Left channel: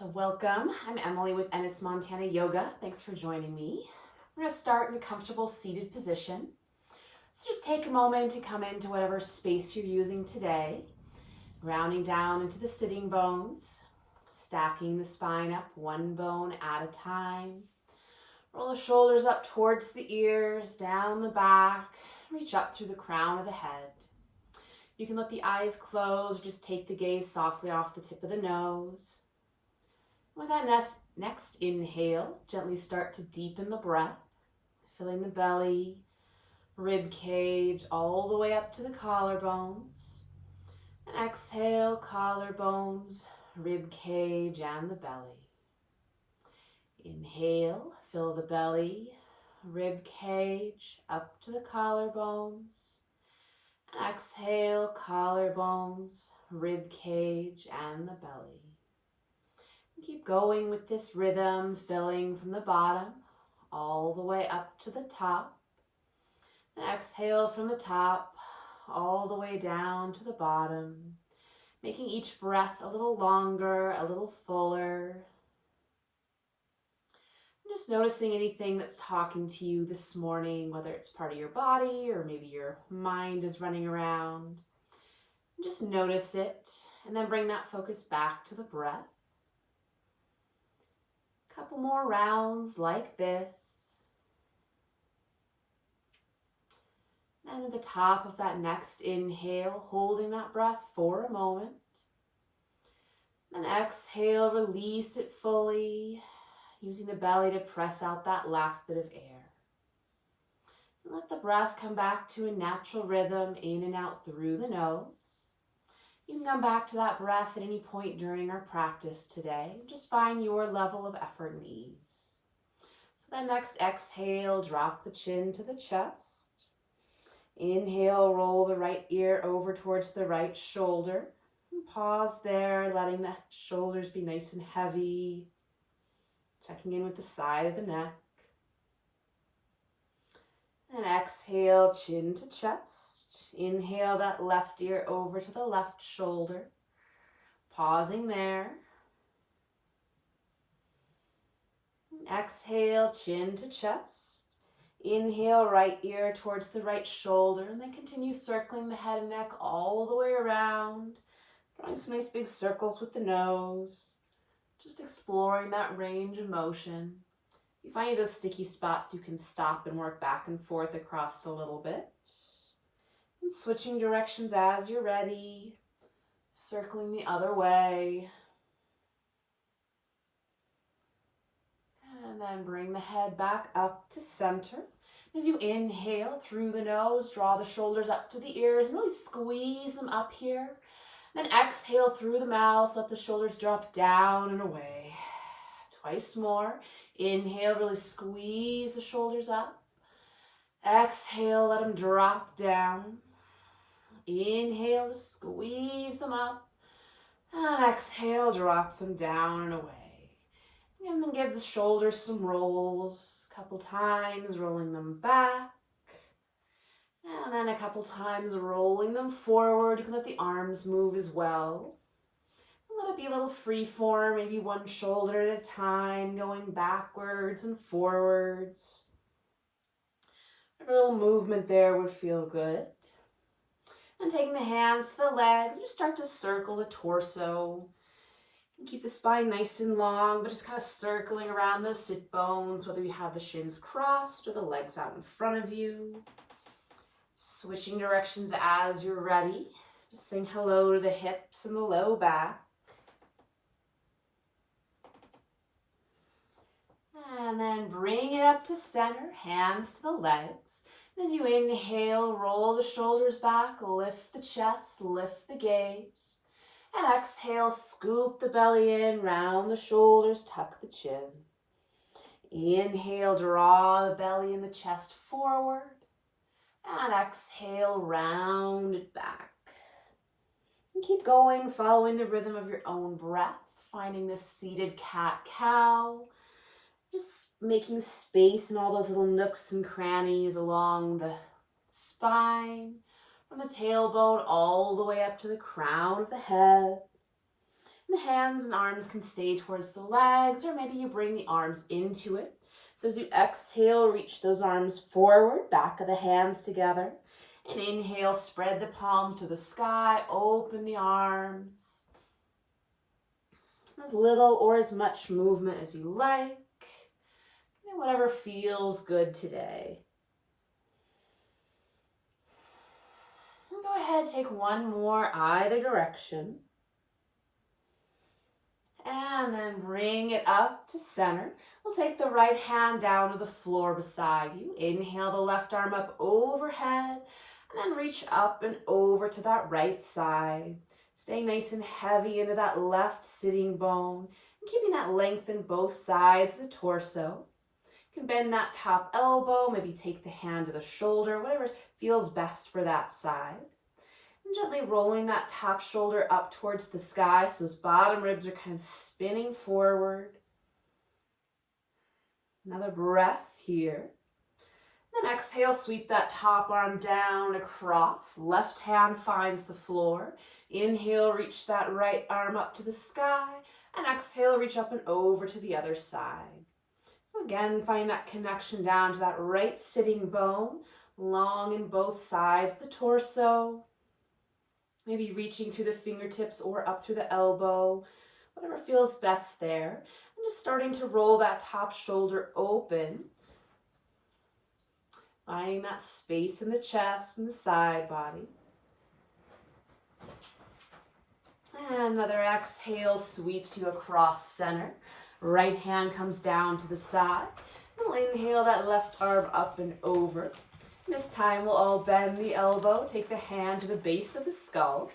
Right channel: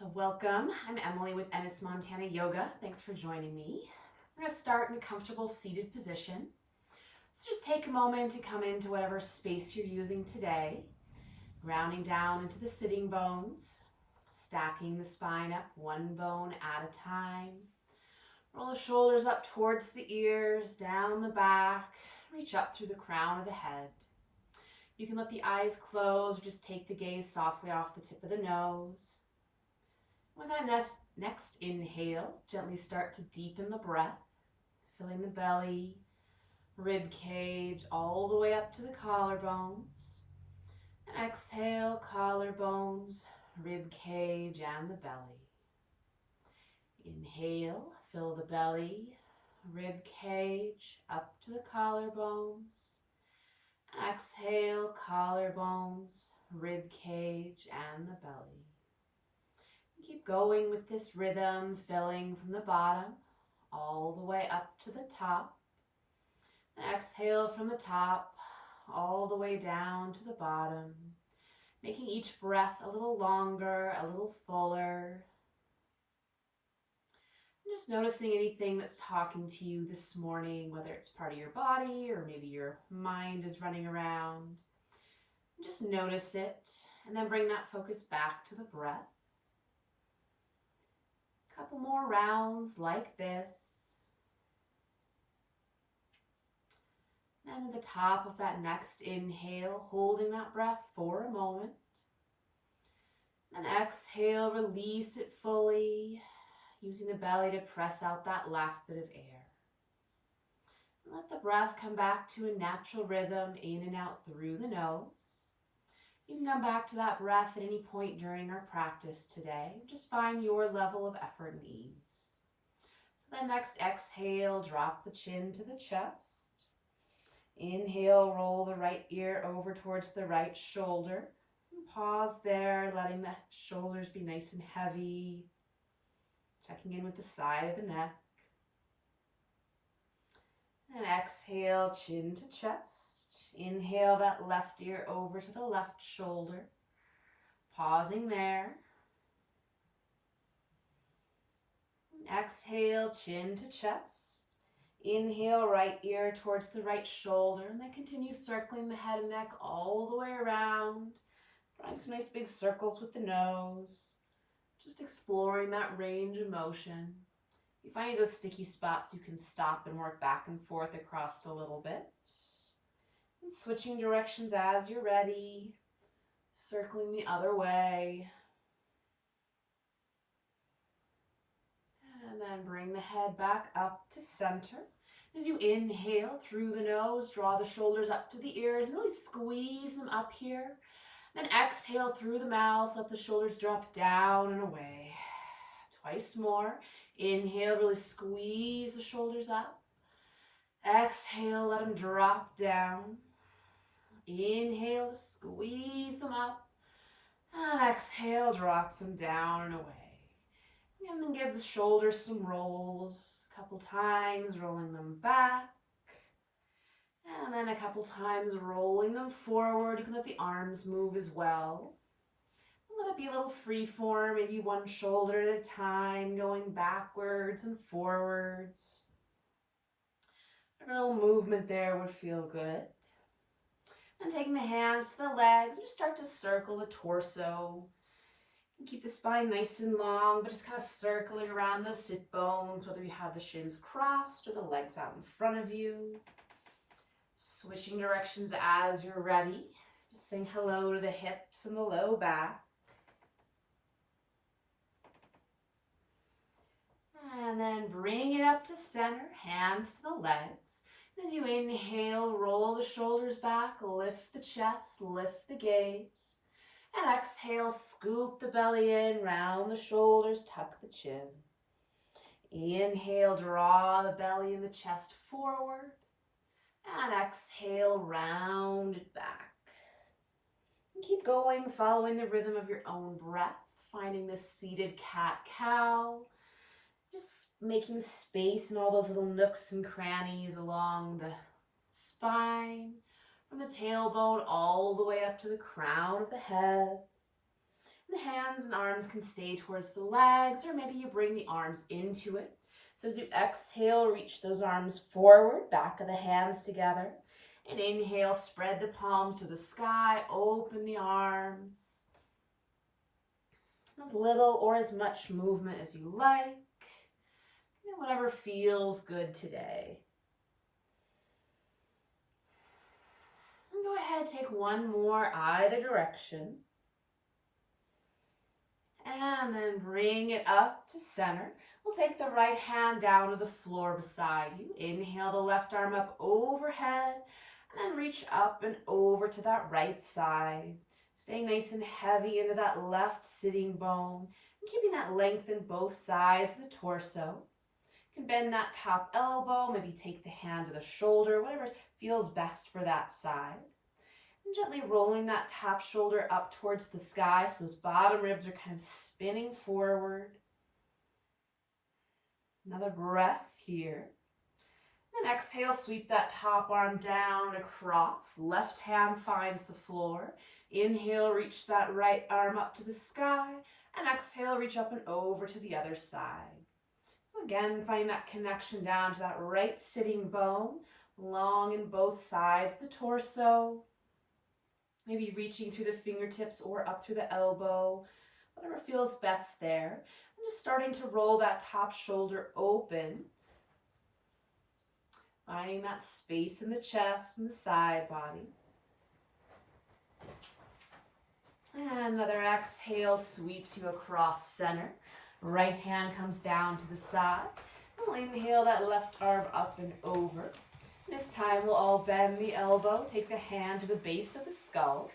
So welcome, I'm Emily with Ennis Montana Yoga. Thanks for joining me. We're gonna start in a comfortable seated position. So just take a moment to come into whatever space you're using today, grounding down into the sitting bones, stacking the spine up one bone at a time. Roll the shoulders up towards the ears, down the back, reach up through the crown of the head. You can let the eyes close or just take the gaze softly off the tip of the nose. With that next inhale, gently start to deepen the breath, filling the belly, rib cage, all the way up to the collarbones. And exhale, collarbones, rib cage, and the belly. Inhale, fill the belly, rib cage, up to the collarbones. And exhale, collarbones, rib cage, and the belly. Keep going with this rhythm, filling from the bottom all the way up to the top. And exhale from the top all the way down to the bottom, making each breath a little longer, a little fuller. And just noticing anything that's talking to you this morning, whether it's part of your body or maybe your mind is running around. And just notice it and then bring that focus back to the breath. Couple more rounds like this. And at the top of that next inhale, holding that breath for a moment. Then exhale, release it fully, using the belly to press out that last bit of air. And let the breath come back to a natural rhythm in and out through the nose. You can come back to that breath at any point during our practice today. Just find your level of effort and ease. So then next exhale, drop the chin to the chest. Inhale, roll the right ear over towards the right shoulder. And pause there, letting the shoulders be nice and heavy. Checking in with the side of the neck. And exhale, chin to chest. Inhale that left ear over to the left shoulder. Pausing there. And exhale, chin to chest. Inhale, right ear towards the right shoulder. And then continue circling the head and neck all the way around. Drawing some nice big circles with the nose. Just exploring that range of motion. If you find any of those sticky spots, you can stop and work back and forth across it a little bit. And switching directions as you're ready. Circling the other way. And then bring the head back up to center. As you inhale through the nose, draw the shoulders up to the ears and really squeeze them up here. Then exhale through the mouth, let the shoulders drop down and away. Twice more. Inhale, really squeeze the shoulders up. Exhale, let them drop down. Inhale to squeeze them up. And exhale, drop them down and away. And then give the shoulders some rolls. A couple times, rolling them back. And then a couple times, rolling them forward. You can let the arms move as well. Let it be a little free form, maybe one shoulder at a time, going backwards and forwards. A little movement there would feel good. And taking the hands to the legs, just start to circle the torso. Keep the spine nice and long, but just kind of circling around those sit bones, whether you have the shins crossed or the legs out in front of you. Switching directions as you're ready. Just saying hello to the hips and the low back. And then bring it up to center, hands to the legs. As you inhale, roll the shoulders back, lift the chest, lift the gaze. And exhale, scoop the belly in, round the shoulders, tuck the chin. Inhale, draw the belly and the chest forward. And exhale, round it back. And keep going, following the rhythm of your own breath, finding this seated cat-cow. Just making space in all those little nooks and crannies along the spine, from the tailbone all the way up to the crown of the head. The hands and arms can stay towards the legs, or maybe you bring the arms into it. So as you exhale, reach those arms forward, back of the hands together. And inhale, spread the palms to the sky, open the arms. As little or as much movement as you like. Whatever feels good today. And go ahead, take one more either direction. And then bring it up to center. We'll take the right hand down to the floor beside you. Inhale the left arm up overhead, and then reach up and over to that right side. Staying nice and heavy into that left sitting bone, and keeping that length in both sides of the torso. You can bend that top elbow, maybe take the hand to the shoulder, whatever feels best for that side. And gently rolling that top shoulder up towards the sky so those bottom ribs are kind of spinning forward. Another breath here. Then exhale, sweep that top arm down across. Left hand finds the floor. Inhale, reach that right arm up to the sky. And exhale, reach up and over to the other side. So again, find that connection down to that right sitting bone, long in both sides of the torso. Maybe reaching through the fingertips or up through the elbow, whatever feels best there. And just starting to roll that top shoulder open. Finding that space in the chest and the side body. And another exhale sweeps you across center. Right hand comes down to the side. And we'll inhale that left arm up and over. This time we'll all bend the elbow, take the hand to the base of the skull.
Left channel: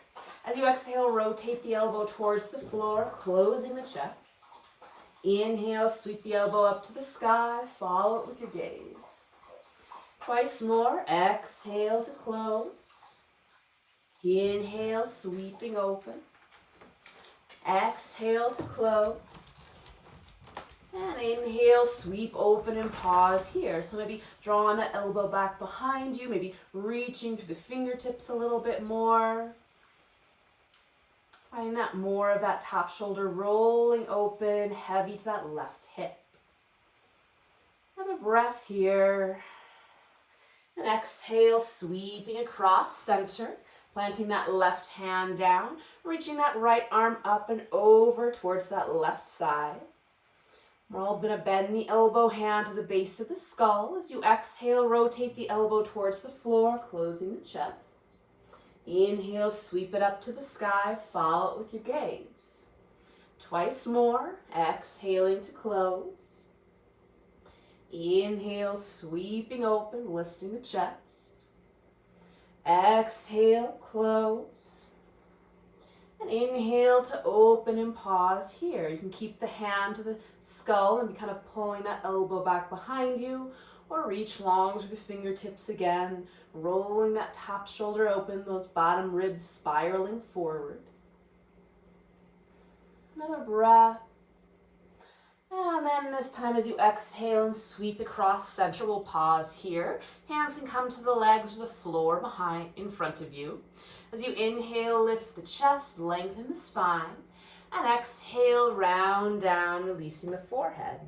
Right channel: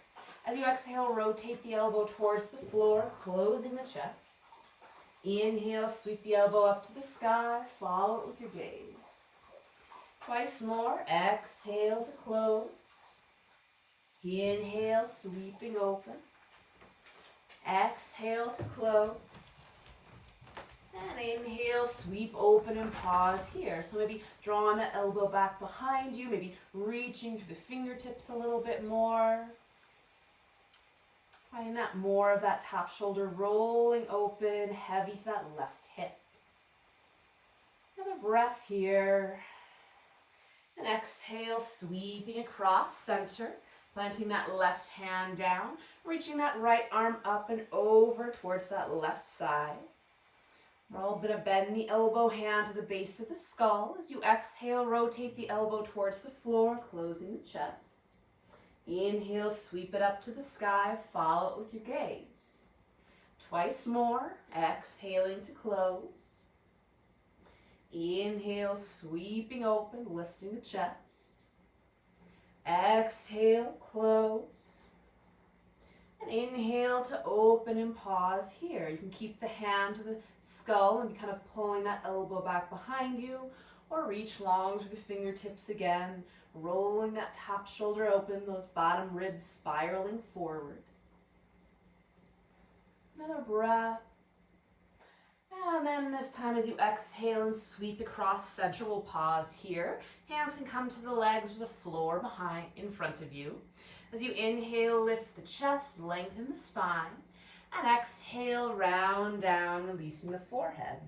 As you exhale, rotate the elbow towards the floor, closing the chest. Inhale, sweep the elbow up to the sky, follow it with your gaze. Twice more, exhale to close. Inhale, sweeping open. Exhale to close. And inhale, sweep open and pause here. So maybe drawing the elbow back behind you, maybe reaching through the fingertips a little bit more. Find that more of that top shoulder rolling open, heavy to that left hip. Another breath here. And exhale, sweeping across center, planting that left hand down, reaching that right arm up and over towards that left side. We're all going to bend the elbow hand to the base of the skull. As you exhale, rotate the elbow towards the floor, closing the chest. Inhale, sweep it up to the sky, follow it with your gaze. Twice more, exhaling to close. Inhale, sweeping open, lifting the chest. Exhale, close. And inhale to open and pause here. You can keep the hand to the skull and be kind of pulling that elbow back behind you, or reach long through the fingertips again, rolling that top shoulder open, those bottom ribs spiraling forward. Another breath. And then this time as you exhale and sweep across center, we'll pause here. Hands can come to the legs or the floor behind, in front of you. As you inhale, lift the chest, lengthen the spine. And exhale, round down, releasing the forehead.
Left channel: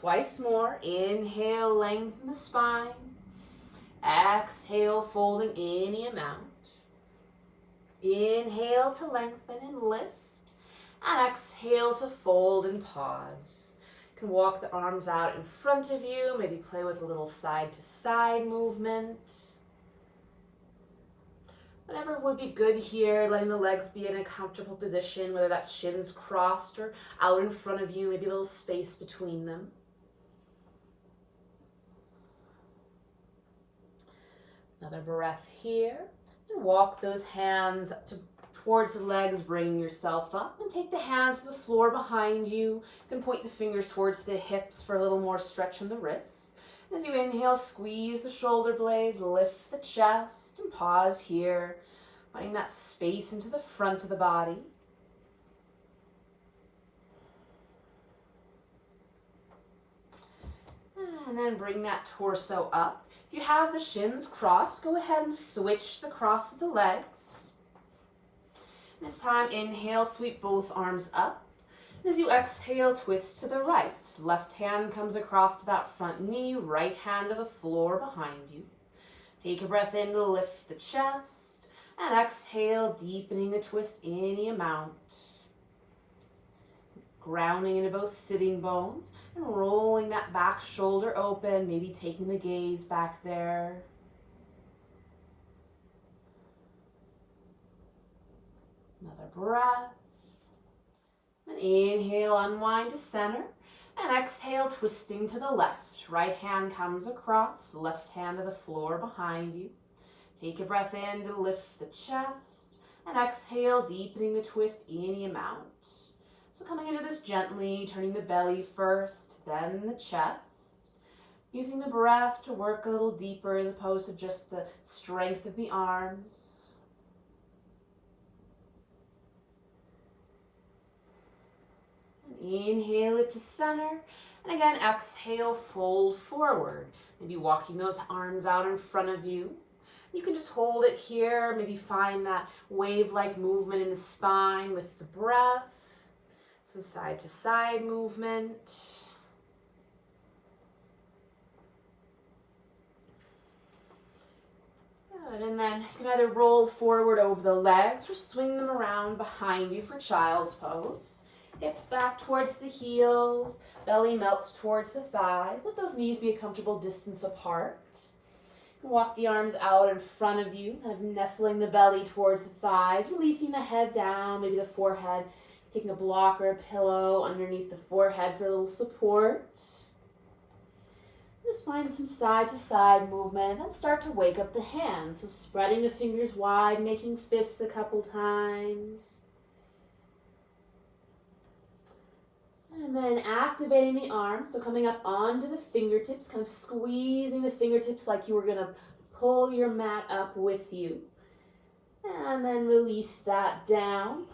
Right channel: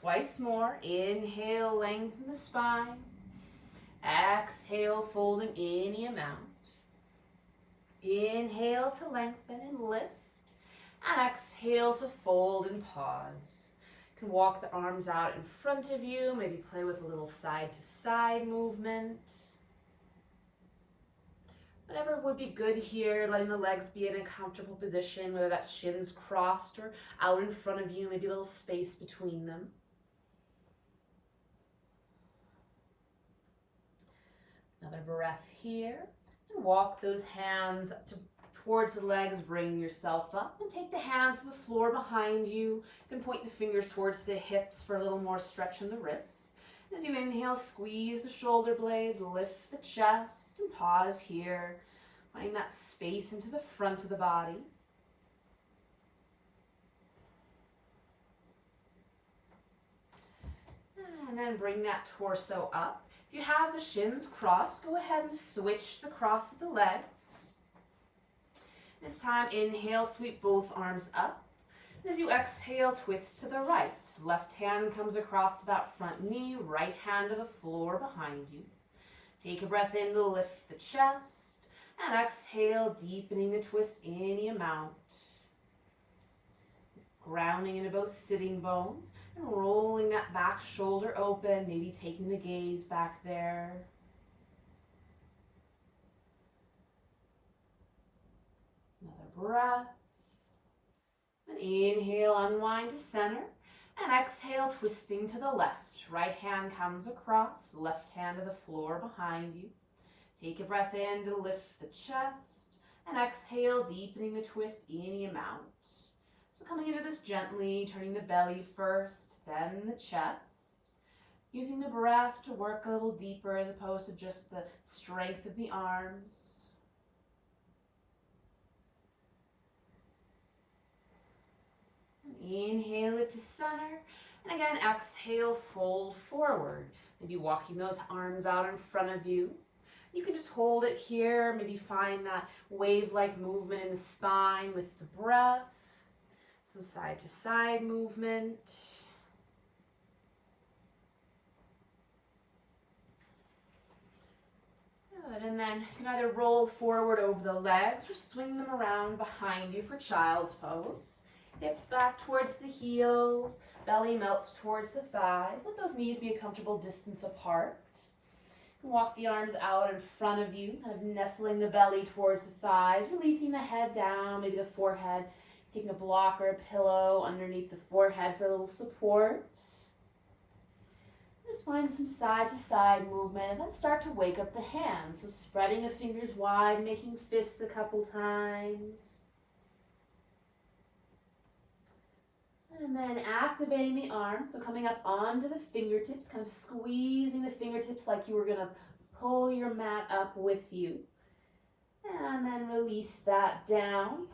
Twice more. Inhale, lengthen the spine. Exhale, folding any amount. Inhale to lengthen and lift. And exhale to fold and pause. You can walk the arms out in front of you, maybe play with a little side to side movement. Whatever would be good here, letting the legs be in a comfortable position, whether that's shins crossed or out in front of you, maybe a little space between them. Another breath here. And walk those hands towards the legs, bring yourself up, and take the hands to the floor behind you. You can point the fingers towards the hips for a little more stretch in the wrists. As you inhale, squeeze the shoulder blades, lift the chest, and pause here, finding that space into the front of the body. And then bring that torso up. If you have the shins crossed, go ahead and switch the cross of the legs. This time, inhale, sweep both arms up. As you exhale, twist to the right. Left hand comes across to that front knee, right hand to the floor behind you. Take a breath in to lift the chest, and exhale, deepening the twist any amount. Grounding into both sitting bones and rolling that back shoulder open, maybe taking the gaze back there. Another breath. And inhale, unwind to center. And exhale, twisting to the left. Right hand comes across, left hand to the floor behind you. Take a breath in to lift the chest. And exhale, deepening the twist any amount. So coming into this gently, turning the belly first, then the chest. Using the breath to work a little deeper as opposed to just the strength of the arms. Inhale it to center, and again exhale, fold forward. Maybe walking those arms out in front of you. You can just hold it here, maybe find that wave-like movement in the spine with the breath. Some side to side movement. Good, and then you can either roll forward over the legs or swing them around behind you for child's pose. Hips back towards the heels, belly melts towards the thighs. Let those knees be a comfortable distance apart. You can walk the arms out in front of you, kind of nestling the belly towards the thighs, releasing the head down, maybe the forehead, taking a block or a pillow underneath the forehead for a little support. Just find some side to side movement and then start to wake up the hands. So spreading the fingers wide, making fists a couple times. And then activating the arms, so coming up onto the fingertips, kind of squeezing the fingertips like you were going to pull your mat up with you. And then release that down,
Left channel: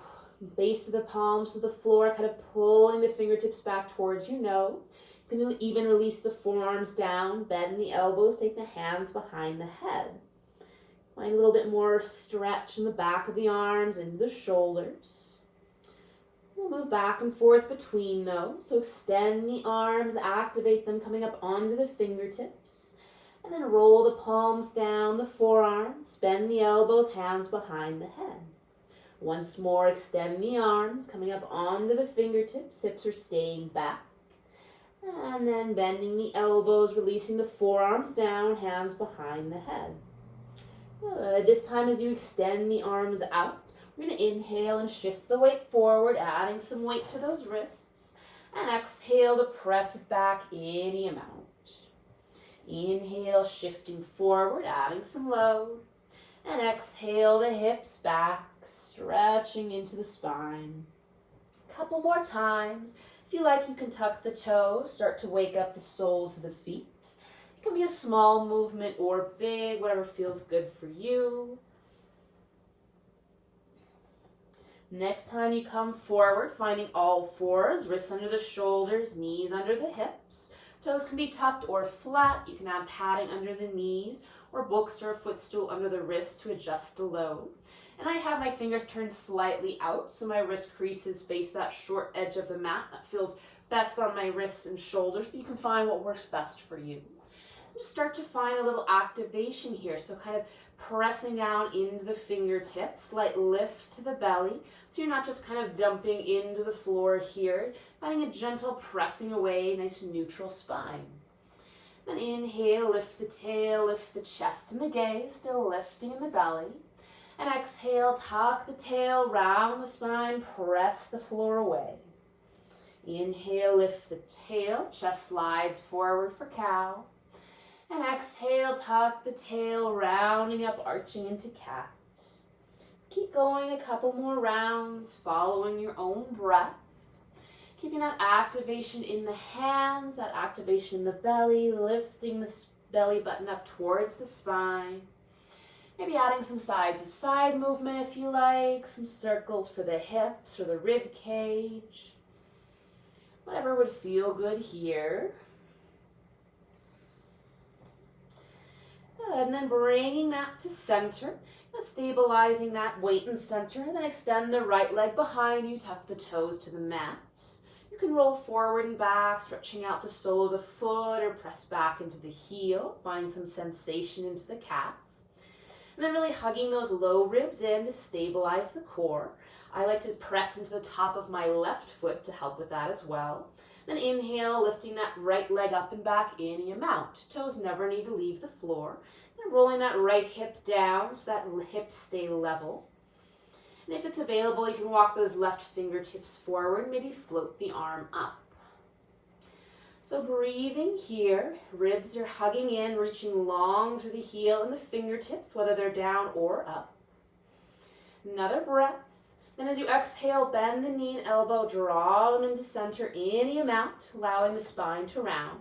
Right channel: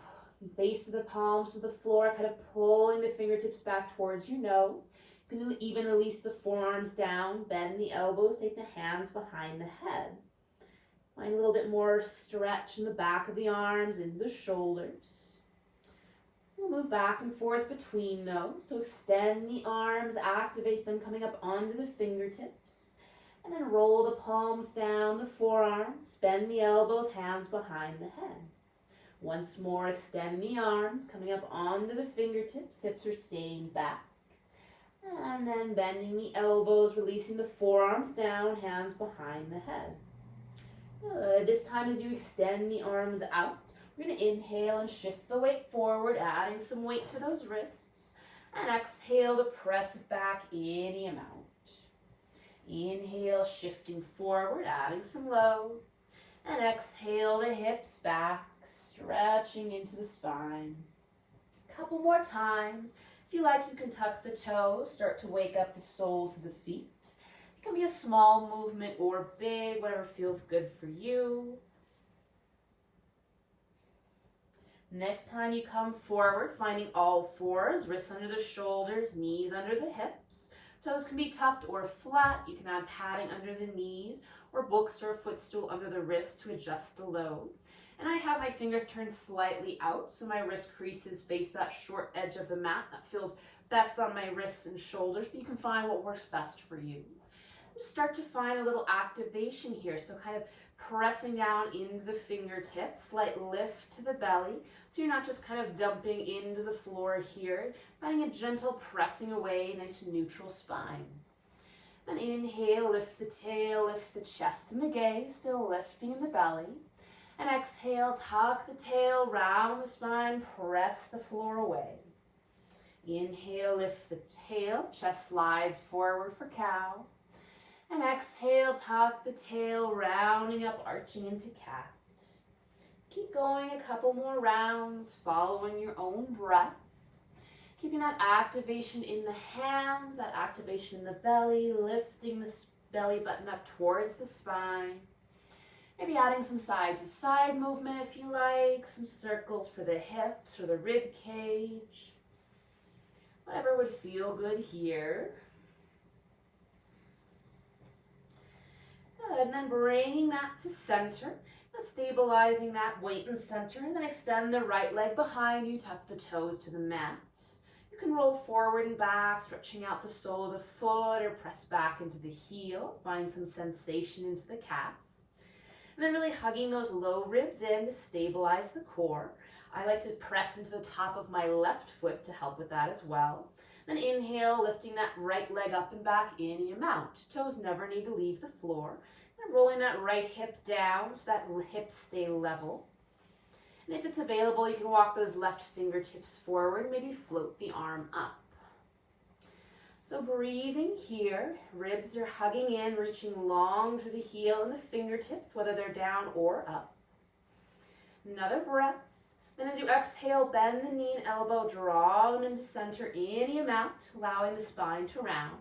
base of the palms to the floor, kind of pulling the fingertips back towards your nose. You can even release the forearms down, bend the elbows, take the hands behind the head. Find a little bit more stretch in the back of the arms and the shoulders. We'll move back and forth between those. So extend the arms, activate them coming up onto the fingertips. And then roll the palms down the forearms, bend the elbows, hands behind the head. Once more, extend the arms, coming up onto the fingertips, hips are staying back. And then bending the elbows, releasing the forearms down, hands behind the head. Good. This time as you extend the arms out, we're going to inhale and shift the weight forward, adding some weight to those wrists. And exhale to press it back any amount. Inhale, shifting forward, adding some load. And exhale the hips back, stretching into the spine. A couple more times. If you like, you can tuck the toes, start to wake up the soles of the feet. It can be a small movement or big, whatever feels good for you. Next time you come forward, finding all fours, wrists under the shoulders, knees under the hips. Toes can be tucked or flat. You can add padding under the knees or books or a footstool under the wrist to adjust the load. And I have my fingers turned slightly out so my wrist creases face that short edge of the mat. That feels best on my wrists and shoulders, but you can find what works best for you. Just start to find a little activation here. So kind of pressing down into the fingertips, slight lift to the belly. So you're not just kind of dumping into the floor here. Finding a gentle pressing away, nice neutral spine. Then inhale, lift the tail, lift the chest and the gaze, still lifting in the belly. And exhale, tuck the tail, round the spine, press the floor away. Inhale, lift the tail, chest slides forward for cow. And exhale, tuck the tail, rounding up, arching into cat. Keep going a couple more rounds, following your own breath. Keeping that activation in the hands, that activation in the belly, lifting the belly button up towards the spine. Maybe adding some side to side movement if you like, some circles for the hips or the rib cage. Whatever would feel good here. Good, and then bringing that to center, stabilizing that weight in center, and then extend the right leg behind you, tuck the toes to the mat. You can roll forward and back, stretching out the sole of the foot, or press back into the heel, find some sensation into the calf. And then really hugging those low ribs in to stabilize the core. I like to press into the top of my left foot to help with that as well. Then inhale, lifting that right leg up and back any amount. Toes never need to leave the floor. And rolling that right hip down so that hips stay level. And if it's available, you can walk those left fingertips forward, maybe float the arm up. So breathing here, ribs are hugging in, reaching long through the heel and the fingertips, whether they're down or up. Another breath. Then as you exhale, bend the knee and elbow, draw them into center any amount, allowing the spine to round.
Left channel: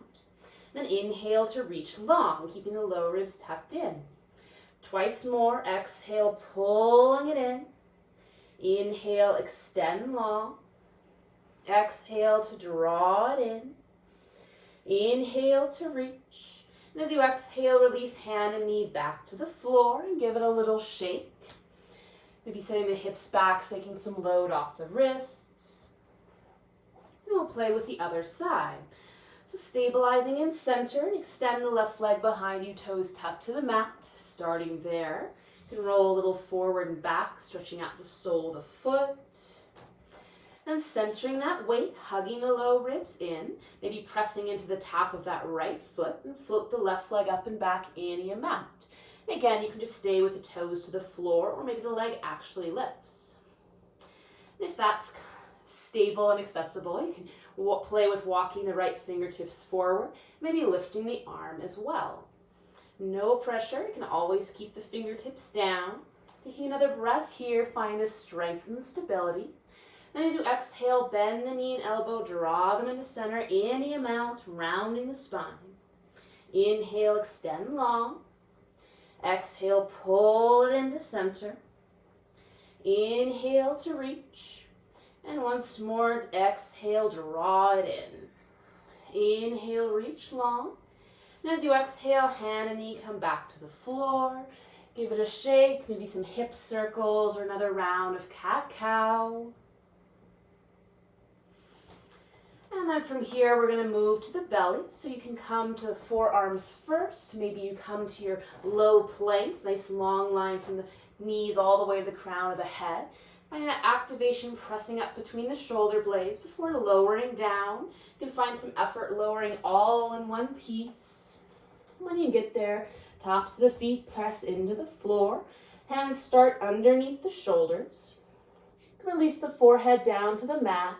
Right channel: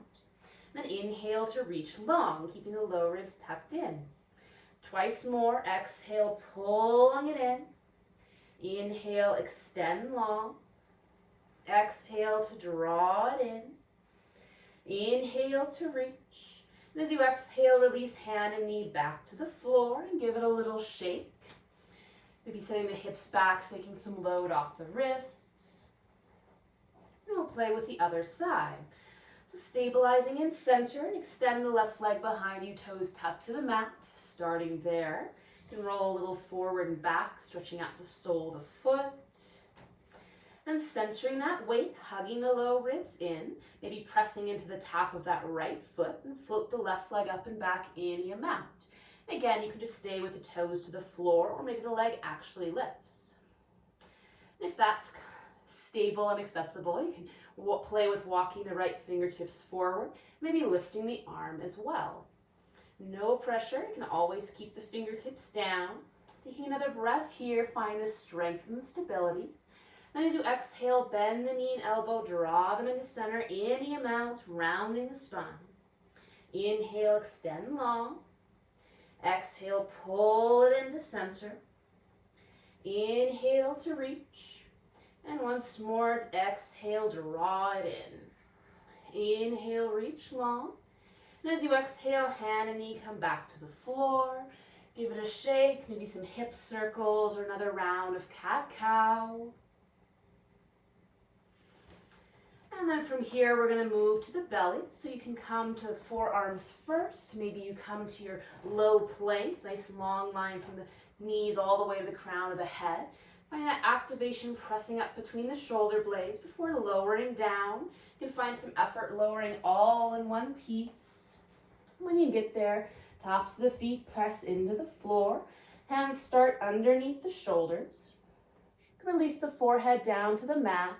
Then inhale to reach long, keeping the low ribs tucked in. Twice more, exhale, pulling it in. Inhale, extend long. Exhale to draw it in. Inhale to reach. And as you exhale, release hand and knee back to the floor and give it a little shake. Maybe setting the hips back, taking some load off the wrists. And we'll play with the other side. So stabilizing in center and extend the left leg behind you, toes tucked to the mat. Starting there, you can roll a little forward and back, stretching out the sole of the foot. And centering that weight, hugging the low ribs in, maybe pressing into the top of that right foot and float the left leg up and back any amount. And again, you can just stay with the toes to the floor or maybe the leg actually lifts. And if that's stable and accessible, you can play with walking the right fingertips forward, maybe lifting the arm as well. No pressure, you can always keep the fingertips down. Taking another breath here, find the strength and the stability. And as you exhale, bend the knee and elbow, draw them into center any amount, rounding the spine. Inhale, extend long. Exhale, pull it into center. Inhale to reach. And once more, exhale, draw it in. Inhale, reach long. And as you exhale, hand and knee come back to the floor. Give it a shake, maybe some hip circles or another round of cat-cow. And then from here, we're going to move to the belly. So you can come to the forearms first. Maybe you come to your low plank, nice long line from the knees all the way to the crown of the head. Finding that activation pressing up between the shoulder blades before lowering down. You can find some effort lowering all in one piece. When you get there, tops of the feet press into the floor. Hands start underneath the shoulders. You can release the forehead down to the mat.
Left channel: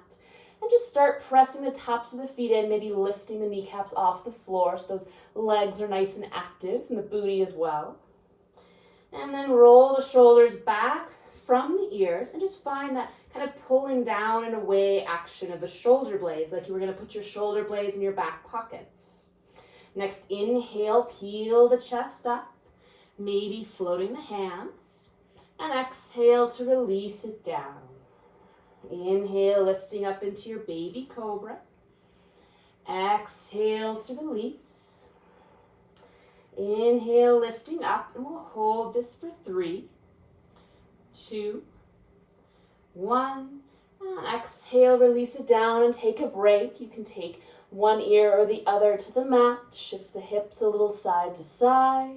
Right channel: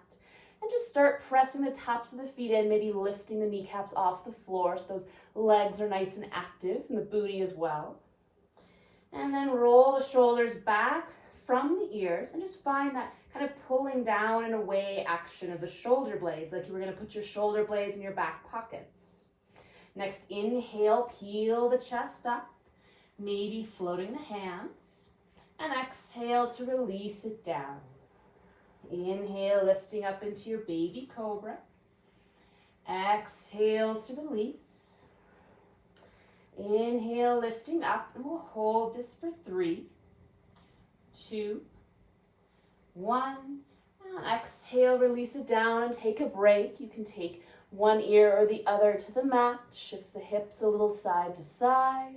And just start pressing the tops of the feet in, maybe lifting the kneecaps off the floor so those legs are nice and active, and the booty as well. And then roll the shoulders back from the ears and just find that kind of pulling down and away action of the shoulder blades, like you were going to put your shoulder blades in your back pockets. Next, inhale, peel the chest up, maybe floating the hands, and exhale to release it down. Inhale, lifting up into your baby cobra. Exhale to release. Inhale, lifting up, and we'll hold this for 3, 2, 1. And exhale, release it down and take a break. You can take one ear or the other to the mat. Shift the hips a little side to side.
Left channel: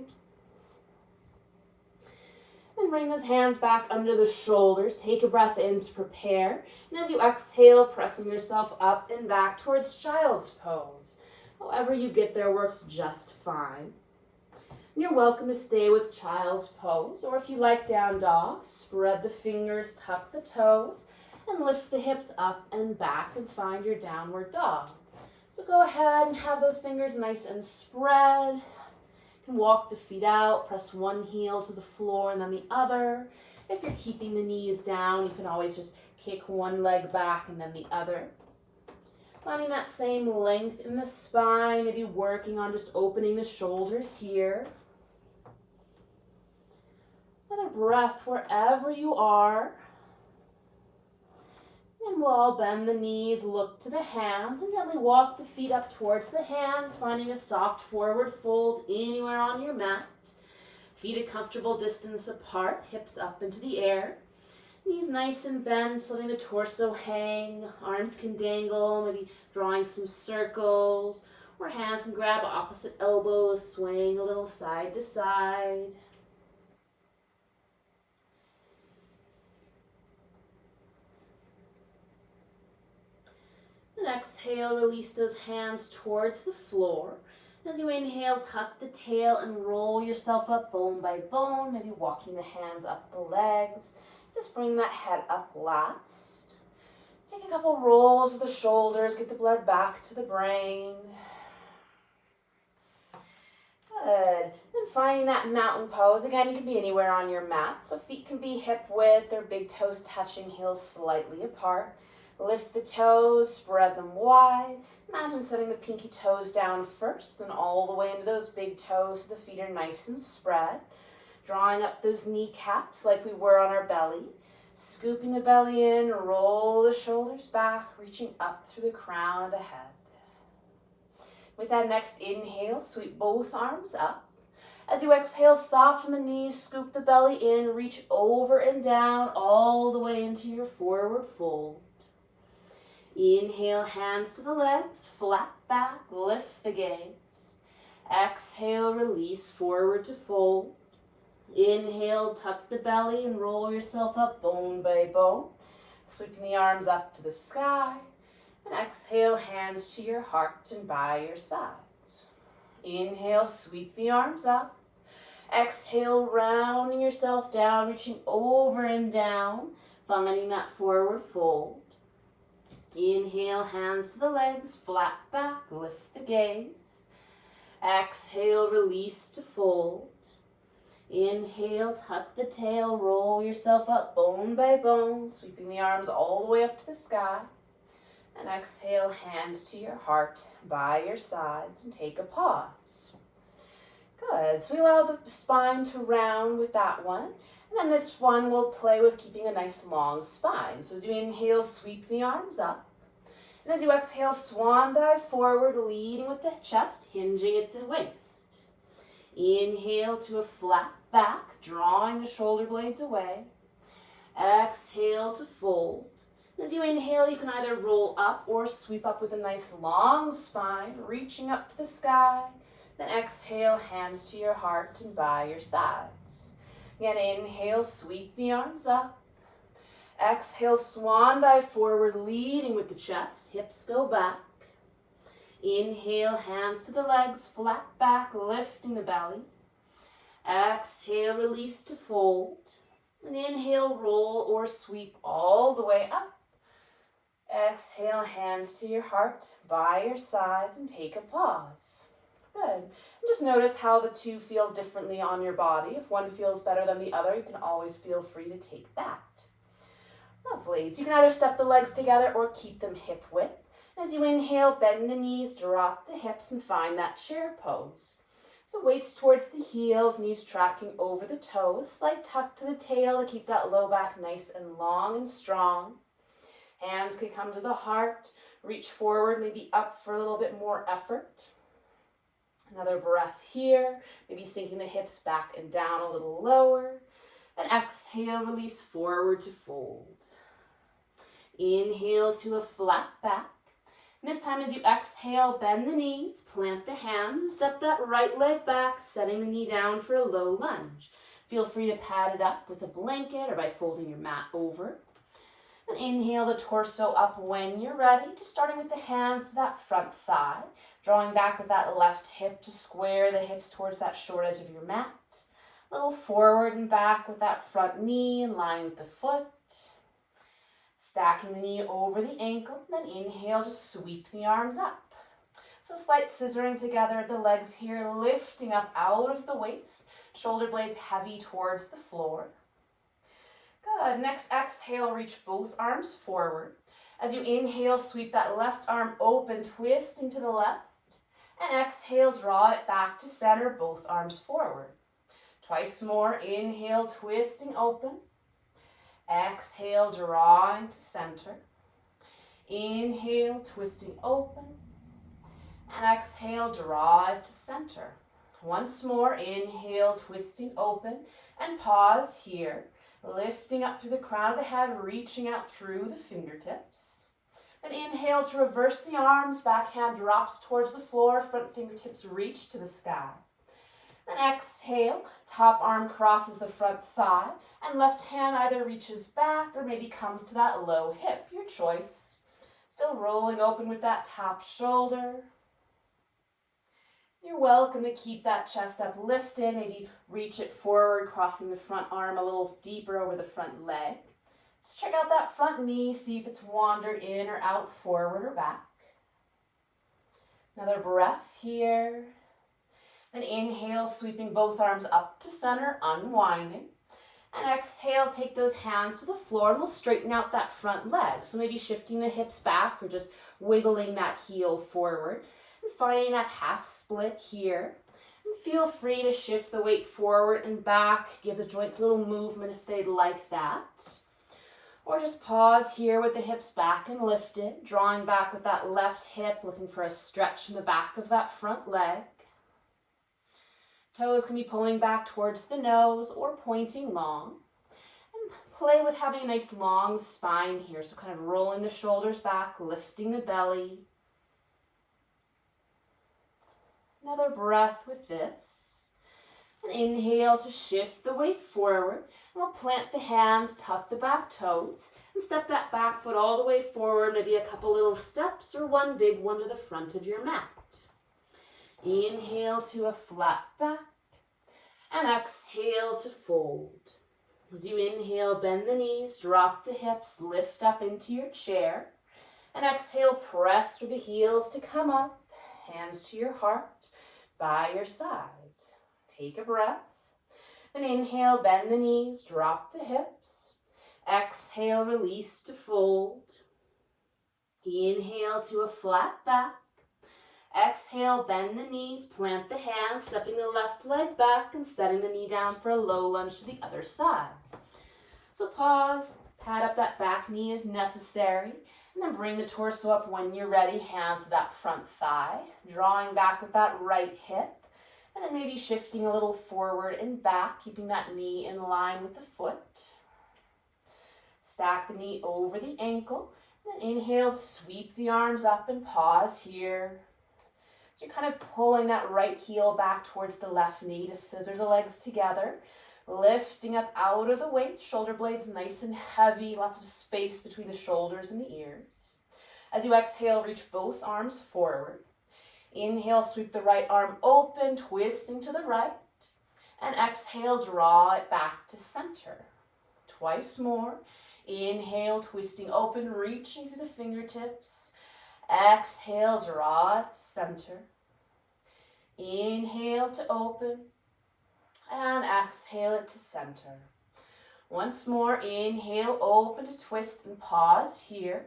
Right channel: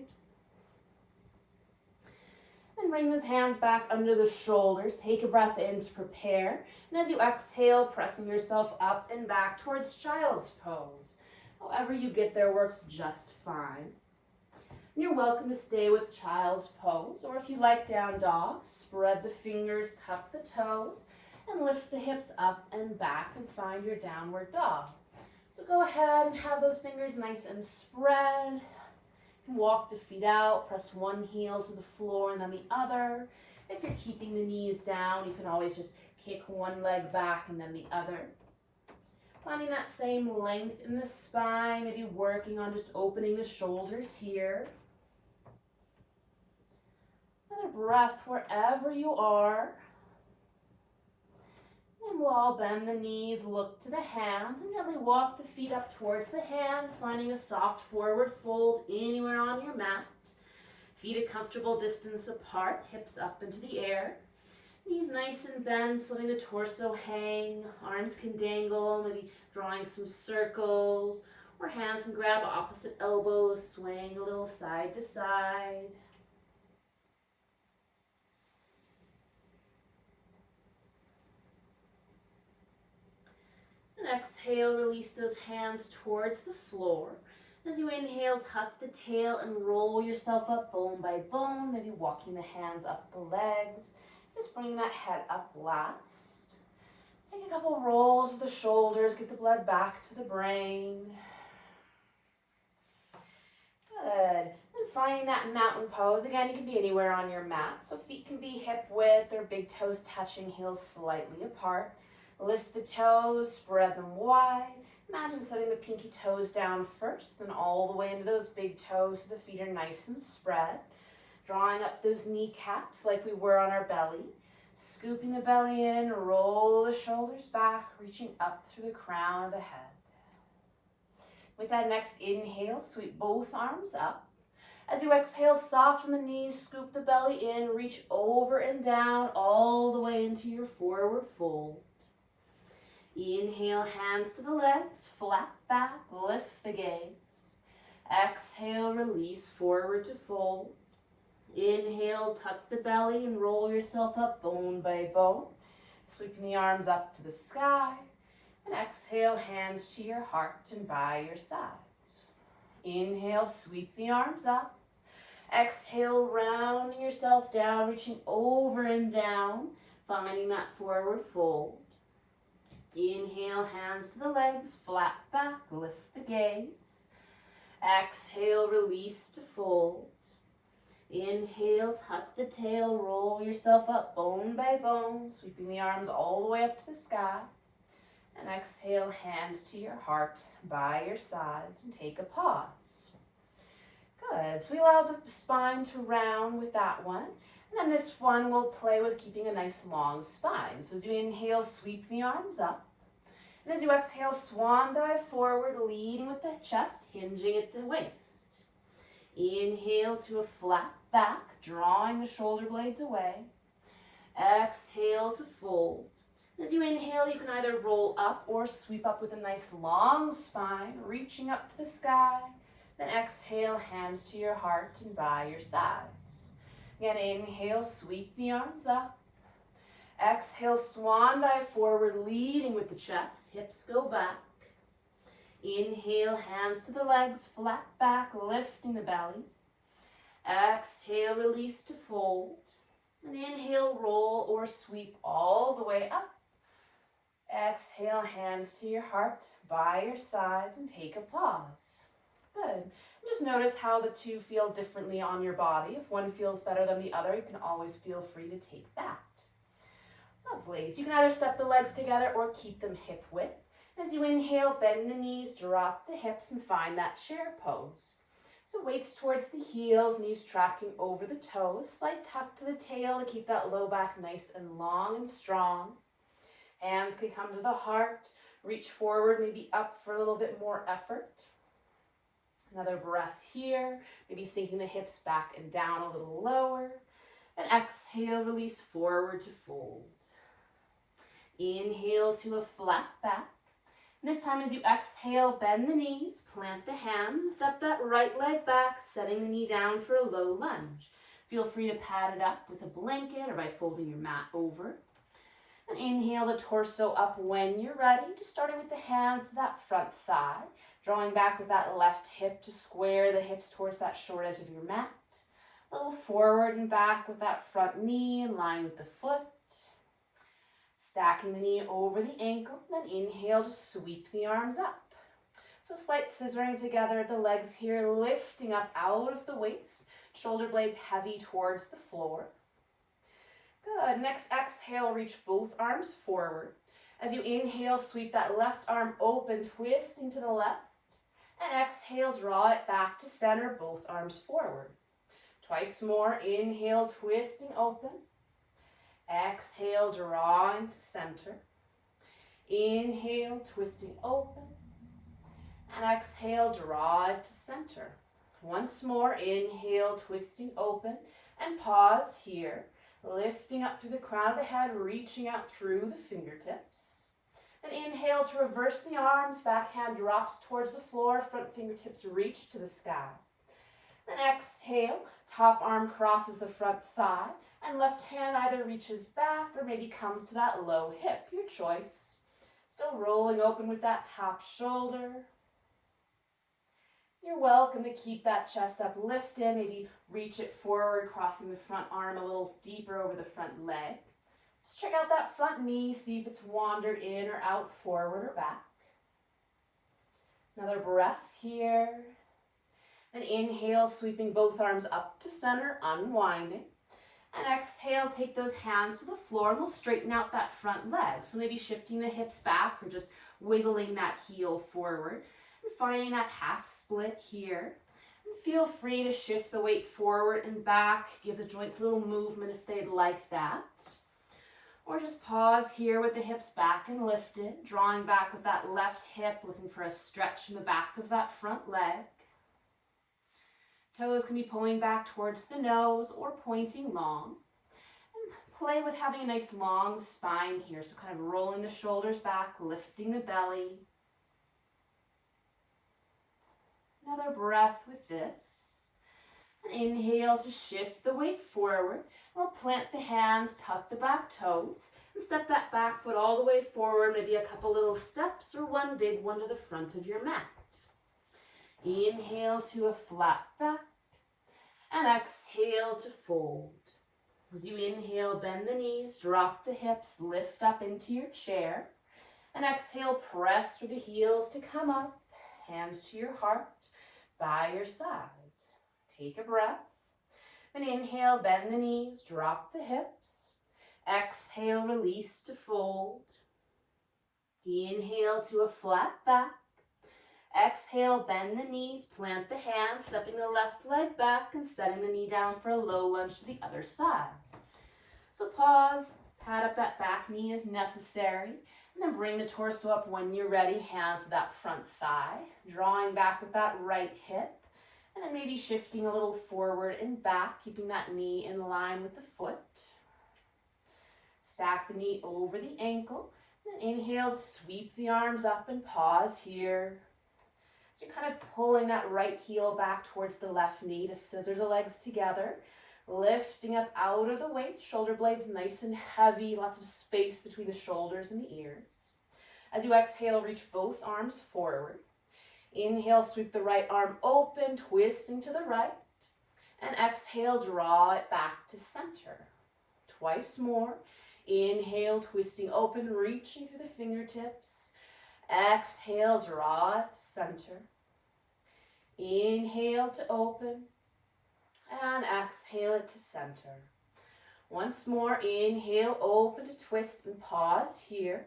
And bring those hands back under the shoulders. Take a breath in to prepare. And as you exhale, pressing yourself up and back towards child's pose. However you get there works just fine. And you're welcome to stay with child's pose, or if you like down dog, spread the fingers, tuck the toes, and lift the hips up and back and find your downward dog. So go ahead and have those fingers nice and spread. You can walk the feet out, press one heel to the floor and then the other. If you're keeping the knees down, you can always just kick one leg back and then the other. Finding that same length in the spine, maybe working on just opening the shoulders here. Another breath wherever you are. And we'll all bend the knees, look to the hands, and gently walk the feet up towards the hands, finding a soft forward fold anywhere on your mat. Feet a comfortable distance apart, hips up into the air. Knees nice and bent, letting the torso hang. Arms can dangle, maybe drawing some circles. Or hands can grab opposite elbows, swaying a little side to side. And exhale, release those hands towards the floor. As you inhale, tuck the tail and roll yourself up bone by bone, maybe walking the hands up the legs. Just bring that head up last. Take a couple rolls of the shoulders, get the blood back to the brain. Good. And finding that mountain pose. Again, you can be anywhere on your mat. So feet can be hip width or big toes touching, heels slightly apart. Lift the toes, spread them wide. Imagine setting the pinky toes down first, then all the way into those big toes so the feet are nice and spread. Drawing up those kneecaps like we were on our belly. Scooping the belly in, roll the shoulders back, reaching up through the crown of the head. With that next inhale, sweep both arms up. As you exhale, soften the knees, scoop the belly in, reach over and down all the way into your forward fold. Inhale, hands to the legs, flat back, lift the gaze. Exhale, release, forward to fold. Inhale, tuck the belly and roll yourself up bone by bone. Sweeping the arms up to the sky. And exhale, hands to your heart and by your sides. Inhale, sweep the arms up. Exhale, rounding yourself down, reaching over and down, finding that forward fold. Inhale, hands to the legs, flat back, lift the gaze. Exhale, release to fold. Inhale, tuck the tail, roll yourself up bone by bone, sweeping the arms all the way up to the sky. And exhale, hands to your heart by your sides and take a pause. Good, so we allow the spine to round with that one. And then this one will play with keeping a nice long spine. So as you inhale, sweep the arms up. And as you exhale, swan dive forward, leading with the chest, hinging at the waist. Inhale to a flat back, drawing the shoulder blades away. Exhale to fold. As you inhale, you can either roll up or sweep up with a nice long spine, reaching up to the sky. Then exhale, hands to your heart and by your sides. Again, inhale, sweep the arms up. Exhale, swan dive forward, leading with the chest. Hips go back. Inhale, hands to the legs, flat back, lifting the belly. Exhale, release to fold. And inhale, roll or sweep all the way up. Exhale, hands to your heart, by your sides, and take a pause. Good. And just notice how the two feel differently on your body. If one feels better than the other, you can always feel free to take that. Lovely. So you can either step the legs together or keep them hip width. As you inhale, bend the knees, drop the hips, and find that chair pose. So weights towards the heels, knees tracking over the toes. Slight tuck to the tail to keep that low back nice and long and strong. Hands can come to the heart. Reach forward, maybe up for a little bit more effort. Another breath here. Maybe sinking the hips back and down a little lower. And exhale, release forward to fold. Inhale to a flat back. And this time as you exhale, bend the knees, plant the hands, and step that right leg back, setting the knee down for a low lunge. Feel free to pad it up with a blanket or by folding your mat over. And inhale the torso up when you're ready, just starting with the hands to that front thigh, drawing back with that left hip to square the hips towards that short edge of your mat. A little forward and back with that front knee in line with the foot. Stacking the knee over the ankle, then inhale to sweep the arms up. So slight scissoring together the legs here, lifting up out of the waist, shoulder blades heavy towards the floor. Good. Next exhale, reach both arms forward. As you inhale, sweep that left arm open, twisting to the left. And exhale, draw it back to center, both arms forward. Twice more, inhale, twisting open. Exhale, drawing to center. Inhale, twisting open. And exhale, draw it to center. Once more, inhale, twisting open, and pause here, lifting up through the crown of the head, reaching out through the fingertips. And inhale to reverse the arms, back hand drops towards the floor, front fingertips reach to the sky. Then exhale, top arm crosses the front thigh, and left hand either reaches back or maybe comes to that low hip, your choice. Still rolling open with that top shoulder. You're welcome to keep that chest up lifted, maybe reach it forward, crossing the front arm a little deeper over the front leg. Just check out that front knee, see if it's wandered in or out, forward or back. Another breath here. Then inhale, sweeping both arms up to center, unwinding. And exhale, take those hands to the floor and we'll straighten out that front leg. So maybe shifting the hips back or just wiggling that heel forward. And finding that half split here. And feel free to shift the weight forward and back. Give the joints a little movement if they'd like that. Or just pause here with the hips back and lifted, drawing back with that left hip, looking for a stretch in the back of that front leg. Toes can be pulling back towards the nose or pointing long. And play with having a nice long spine here, so kind of rolling the shoulders back, lifting the belly. Another breath with this. And inhale to shift the weight forward. We'll plant the hands, tuck the back toes, and step that back foot all the way forward, maybe a couple little steps or one big one to the front of your mat. Inhale to a flat back, and exhale to fold. As you inhale, bend the knees, drop the hips, lift up into your chair, and exhale, press through the heels to come up, hands to your heart, by your sides. Take a breath. Then inhale, bend the knees, drop the hips. Exhale, release to fold. Inhale to a flat back. Exhale, bend the knees, plant the hands, stepping the left leg back and setting the knee down for a low lunge to the other side. So pause, pad up that back knee as necessary, and then bring the torso up when you're ready, hands to that front thigh, drawing back with that right hip. And then maybe shifting a little forward and back, keeping that knee in line with the foot. Stack the knee over the ankle. And then inhale, sweep the arms up and pause here. So you're kind of pulling that right heel back towards the left knee to scissor the legs together. Lifting up out of the weight, shoulder blades nice and heavy, lots of space between the shoulders and the ears. As you exhale, reach both arms forward. Inhale, sweep the right arm open, twisting to the right. And exhale, draw it back to center. Twice more. Inhale, twisting open, reaching through the fingertips. Exhale, draw it to center. Inhale to open. And exhale it to center. Once more, inhale, open to twist and pause here.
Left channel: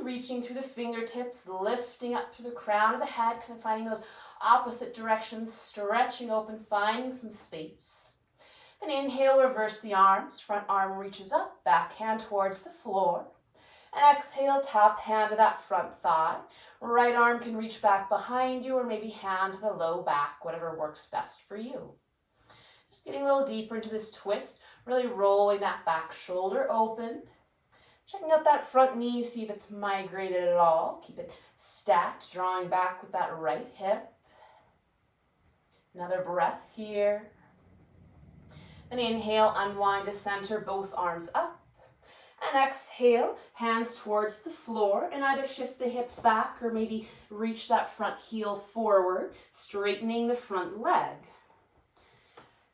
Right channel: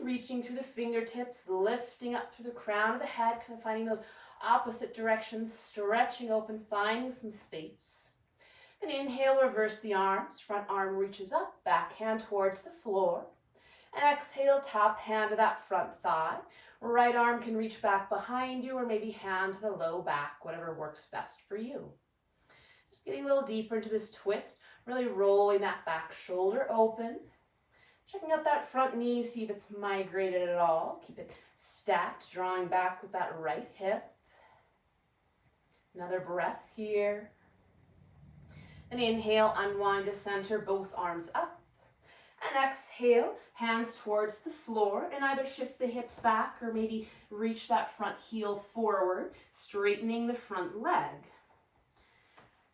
Reaching through the fingertips, lifting up through the crown of the head, kind of finding those opposite directions, stretching open, finding some space. Then inhale, reverse the arms, front arm reaches up, back hand towards the floor. And exhale, top hand to that front thigh. Right arm can reach back behind you or maybe hand to the low back, whatever works best for you. Just getting a little deeper into this twist, really rolling that back shoulder open. Checking out that front knee, see if it's migrated at all. Keep it stacked, drawing back with that right hip. Another breath here. Then inhale, unwind to center, both arms up. And exhale, hands towards the floor, and either shift the hips back or maybe reach that front heel forward, straightening the front leg.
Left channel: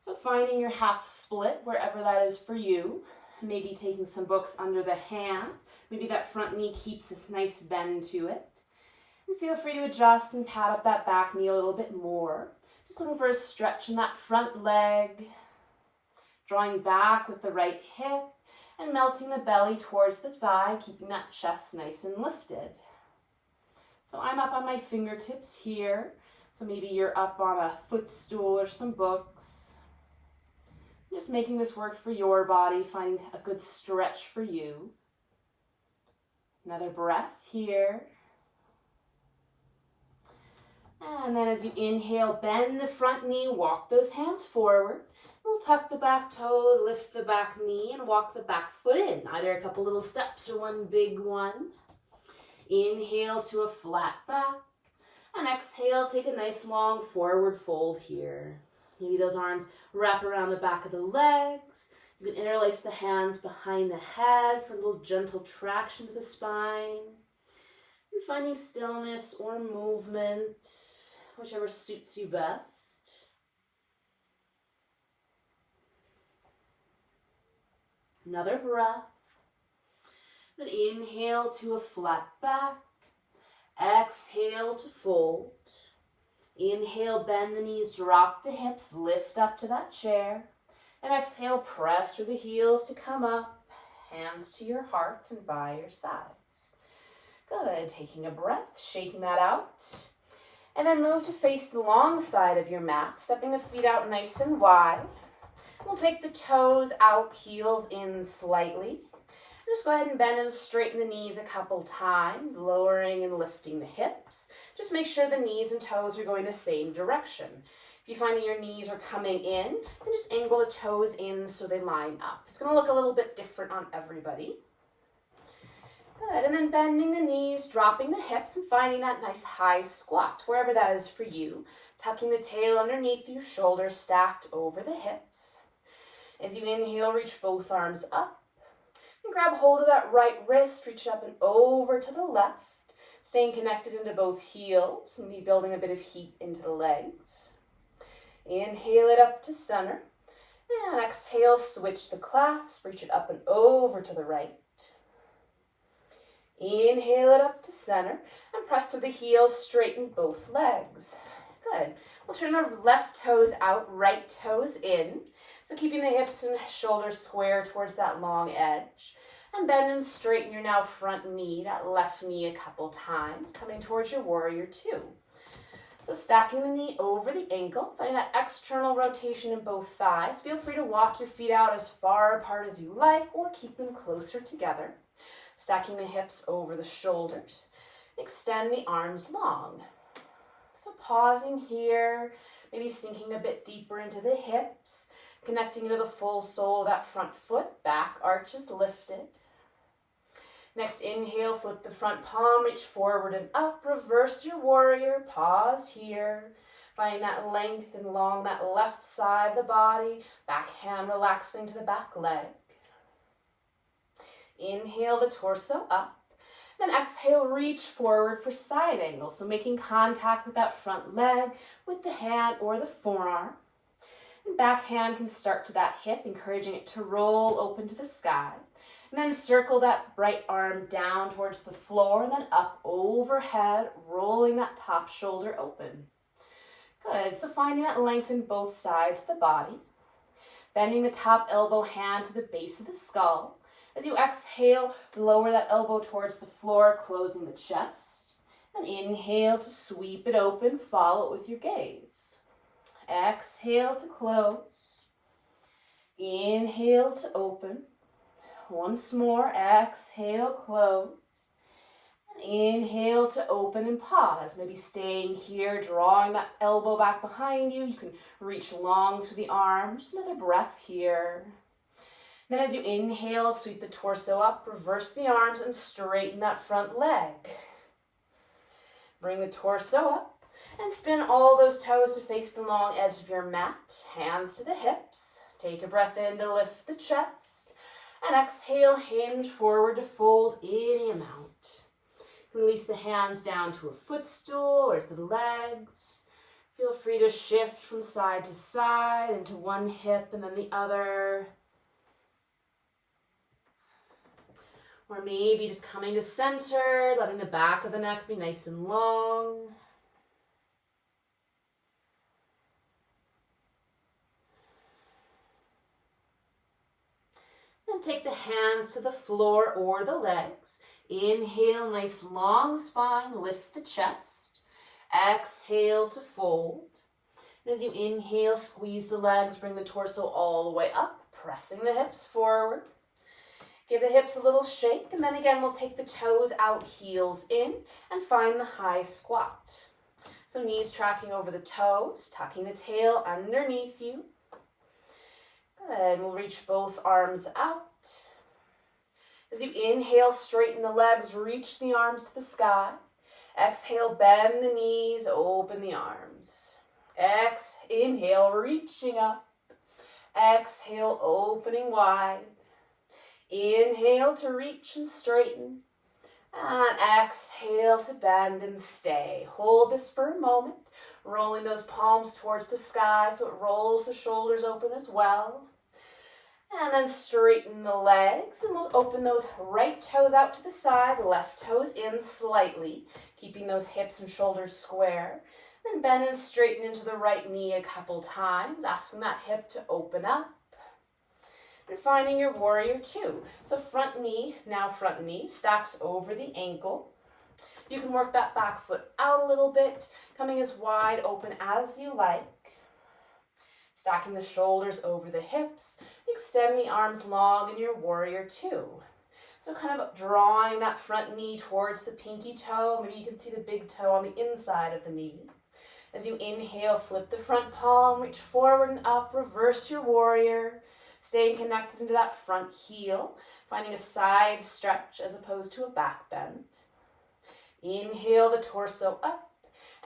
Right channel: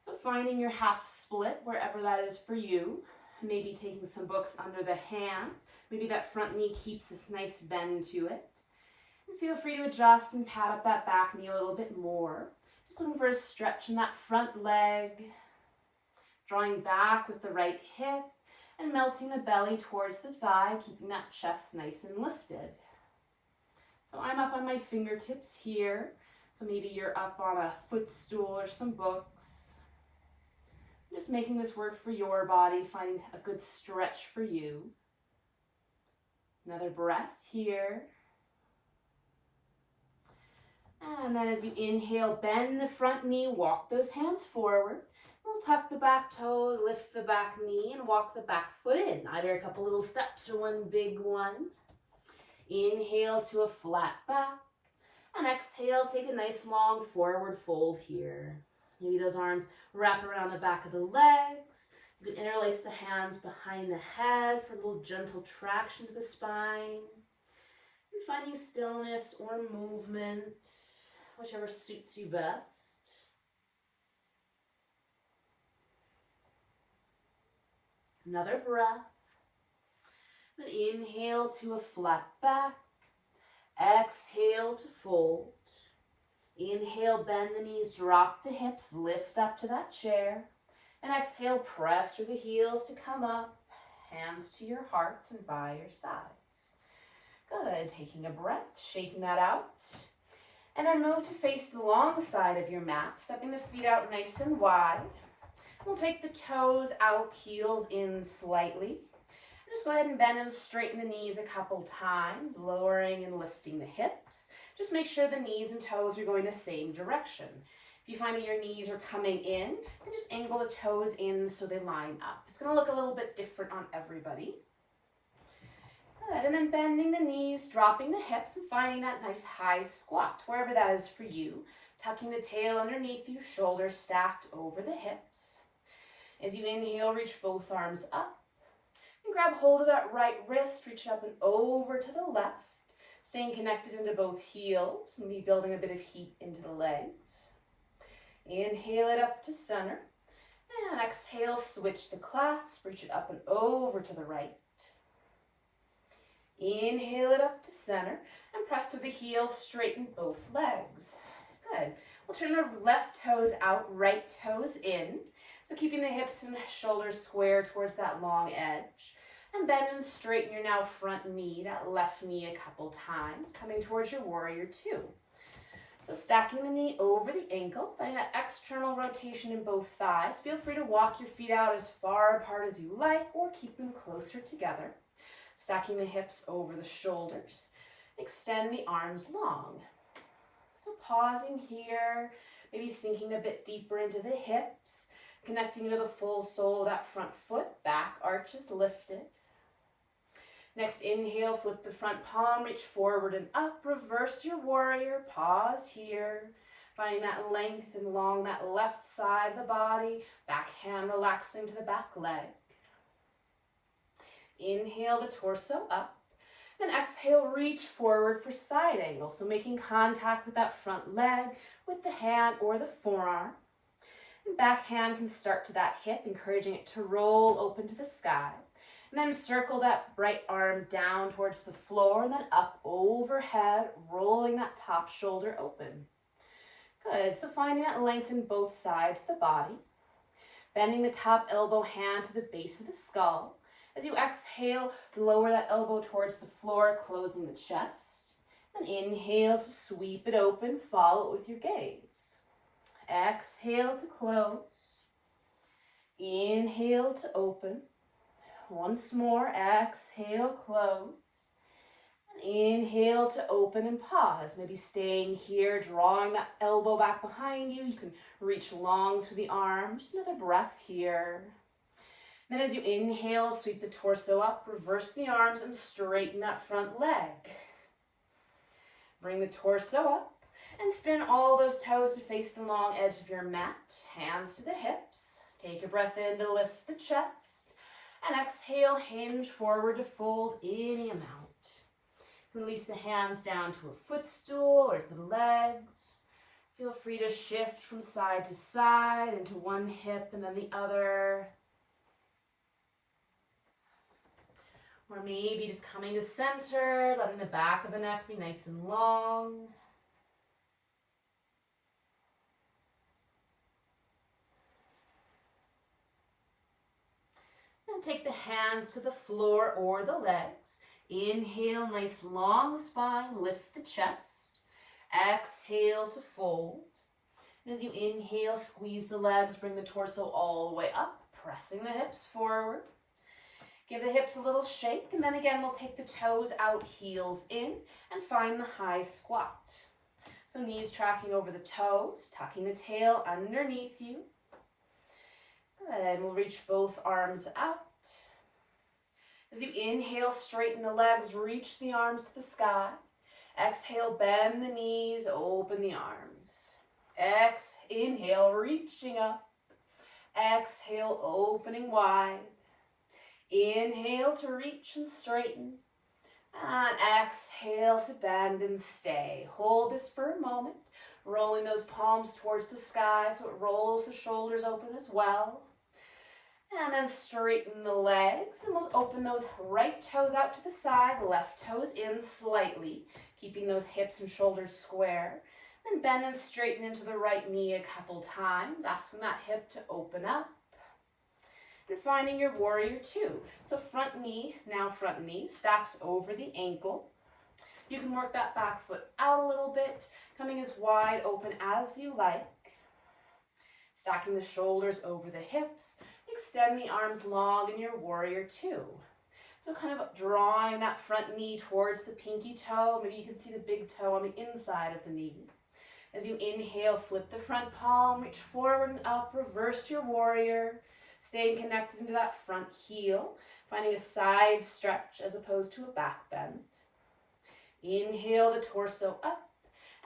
So finding your half split, wherever that is for you. Maybe taking some books under the hands. Maybe that front knee keeps this nice bend to it. And feel free to adjust and pad up that back knee a little bit more. Just looking for a stretch in that front leg. Drawing back with the right hip and melting the belly towards the thigh, keeping that chest nice and lifted. So I'm up on my fingertips here. So maybe you're up on a footstool or some books. Just making this work for your body, finding a good stretch for you. Another breath here. And then as you inhale, bend the front knee, walk those hands forward. We'll tuck the back toes, lift the back knee, and walk the back foot in. Either a couple little steps or one big one. Inhale to a flat back. And exhale, take a nice long forward fold here. Maybe those arms wrap around the back of the legs. You can interlace the hands behind the head for a little gentle traction to the spine. And finding stillness or movement, whichever suits you best. Another breath. Then inhale to a flat back. Exhale to fold. Inhale, bend the knees, drop the hips, lift up to that chair. And exhale, press through the heels to come up. Hands to your heart and by your sides. Good, taking a breath, shaking that out. And then move to face the long side of your mat, stepping the feet out nice and wide. We'll take the toes out, heels in slightly. Just go ahead and bend and straighten the knees a couple times, lowering and lifting the hips. Just make sure the knees and toes are going the same direction. If you find that your knees are coming in, then just angle the toes in so they line up. It's going to look a little bit different on everybody. Good, and then bending the knees, dropping the hips, and finding that nice high squat, wherever that is for you. Tucking the tail underneath you, shoulders stacked over the hips. As you inhale, reach both arms up. And grab hold of that right wrist, reach up and over to the left, staying connected into both heels and be building a bit of heat into the legs. Inhale it up to center, and exhale, switch the clasp, reach it up and over to the right. Inhale it up to center, and press through the heels, straighten both legs. Good. We'll turn the left toes out, right toes in. So keeping the hips and shoulders square towards that long edge. And bend and straighten your now front knee, that left knee a couple times, coming towards your warrior two. So stacking the knee over the ankle, finding that external rotation in both thighs. Feel free to walk your feet out as far apart as you like or keep them closer together. Stacking the hips over the shoulders. Extend the arms long. So pausing here, maybe sinking a bit deeper into the hips, connecting to the full sole of that front foot, back arches lifted. Next, inhale, flip the front palm, reach forward and up, reverse your warrior, pause here. Finding that length and along that left side of the body, back hand relaxing to the back leg. Inhale the torso up, then exhale, reach forward for side angle. So making contact with that front leg, with the hand or the forearm. And back hand can start to that hip, encouraging it to roll open to the sky. And then circle that right arm down towards the floor and then up overhead, rolling that top shoulder open. Good, so finding that length in both sides of the body. Bending the top elbow hand to the base of the skull. As you exhale, lower that elbow towards the floor, closing the chest. And inhale to sweep it open, follow it with your gaze. Exhale to close. Inhale to open. Once more, exhale, close. And inhale to open and pause. Maybe staying here, drawing that elbow back behind you. You can reach long through the arms. Just another breath here. Then as you inhale, sweep the torso up, reverse the arms, and straighten that front leg. Bring the torso up. And spin all those toes to face the long edge of your mat. Hands to the hips. Take a breath in to lift the chest. And exhale, hinge forward to fold any amount. Release the hands down to a footstool or to the legs. Feel free to shift from side to side into one hip and then the other. Or maybe just coming to center, letting the back of the neck be nice and long. And take the hands to the floor or the legs. Inhale, nice long spine, lift the chest. Exhale to fold. And as you inhale, squeeze the legs, bring the torso all the way up, pressing the hips forward. Give the hips a little shake, and then again we'll take the toes out, heels in, and find the high squat. So knees tracking over the toes, tucking the tail underneath you. Good, we'll reach both arms out. As you inhale, straighten the legs, reach the arms to the sky. Exhale, bend the knees, open the arms. Inhale, reaching up. Exhale, opening wide. Inhale to reach and straighten. And exhale to bend and stay. Hold this for a moment, rolling those palms towards the sky so it rolls the shoulders open as well. And then straighten the legs, and we'll open those right toes out to the side, left toes in slightly, keeping those hips and shoulders square. Then bend and straighten into the right knee a couple times, asking that hip to open up. And finding your warrior two. So front knee stacks over the ankle. You can work that back foot out a little bit, coming as wide open as you like. Stacking the shoulders over the hips. Extend the arms long in your warrior two. So kind of drawing that front knee towards the pinky toe. Maybe you can see the big toe on the inside of the knee. As you inhale, flip the front palm, reach forward and up, reverse your warrior. Staying connected into that front heel, finding a side stretch as opposed to a back bend. Inhale the torso up,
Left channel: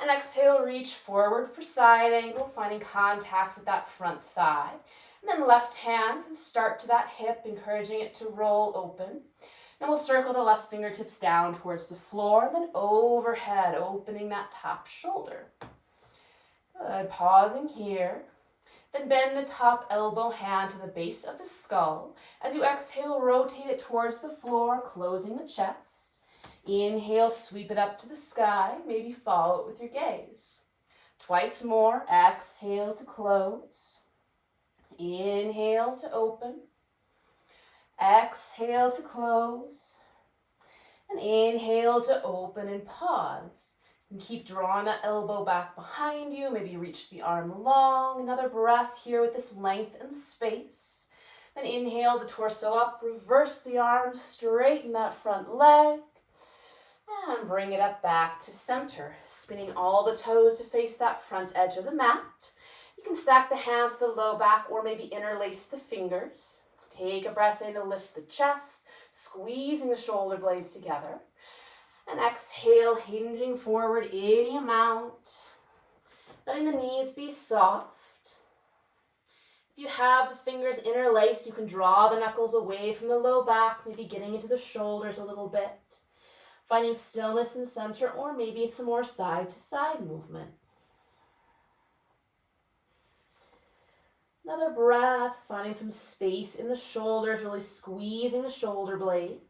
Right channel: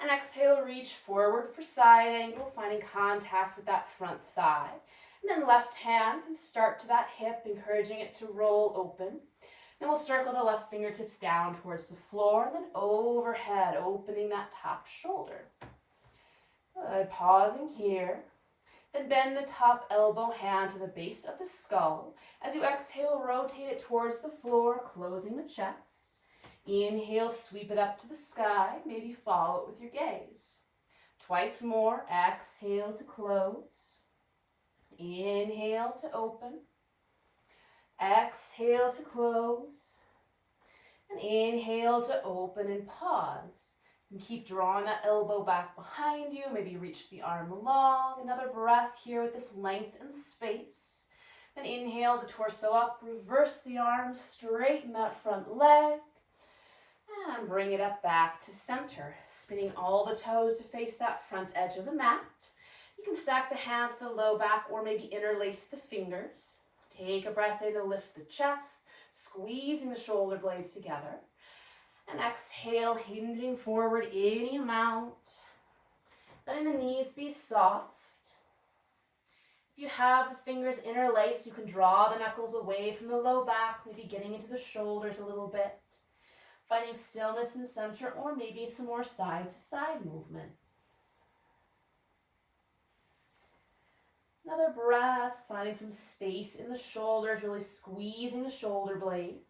and exhale, reach forward for side angle, finding contact with that front thigh. And then left hand can start to that hip, encouraging it to roll open. Then we'll circle the left fingertips down towards the floor, then overhead, opening that top shoulder. Good, pausing here. Then bend the top elbow hand to the base of the skull. As you exhale, rotate it towards the floor, closing the chest. Inhale, sweep it up to the sky. Maybe follow it with your gaze. Twice more. Exhale to close. Inhale to open. Exhale to close. And inhale to open and pause. And keep drawing that elbow back behind you. Maybe reach the arm long. Another breath here with this length and space. Then inhale the torso up. Reverse the arms. Straighten that front leg. And bring it up back to center. Spinning all the toes to face that front edge of the mat. You can stack the hands to the low back or maybe interlace the fingers. Take a breath in to lift the chest. Squeezing the shoulder blades together. And exhale, hinging forward any amount. Letting the knees be soft. If you have the fingers interlaced, you can draw the knuckles away from the low back, maybe getting into the shoulders a little bit. Finding stillness in center, or maybe some more side-to-side movement. Another breath, finding some space in the shoulders, really squeezing the shoulder blades.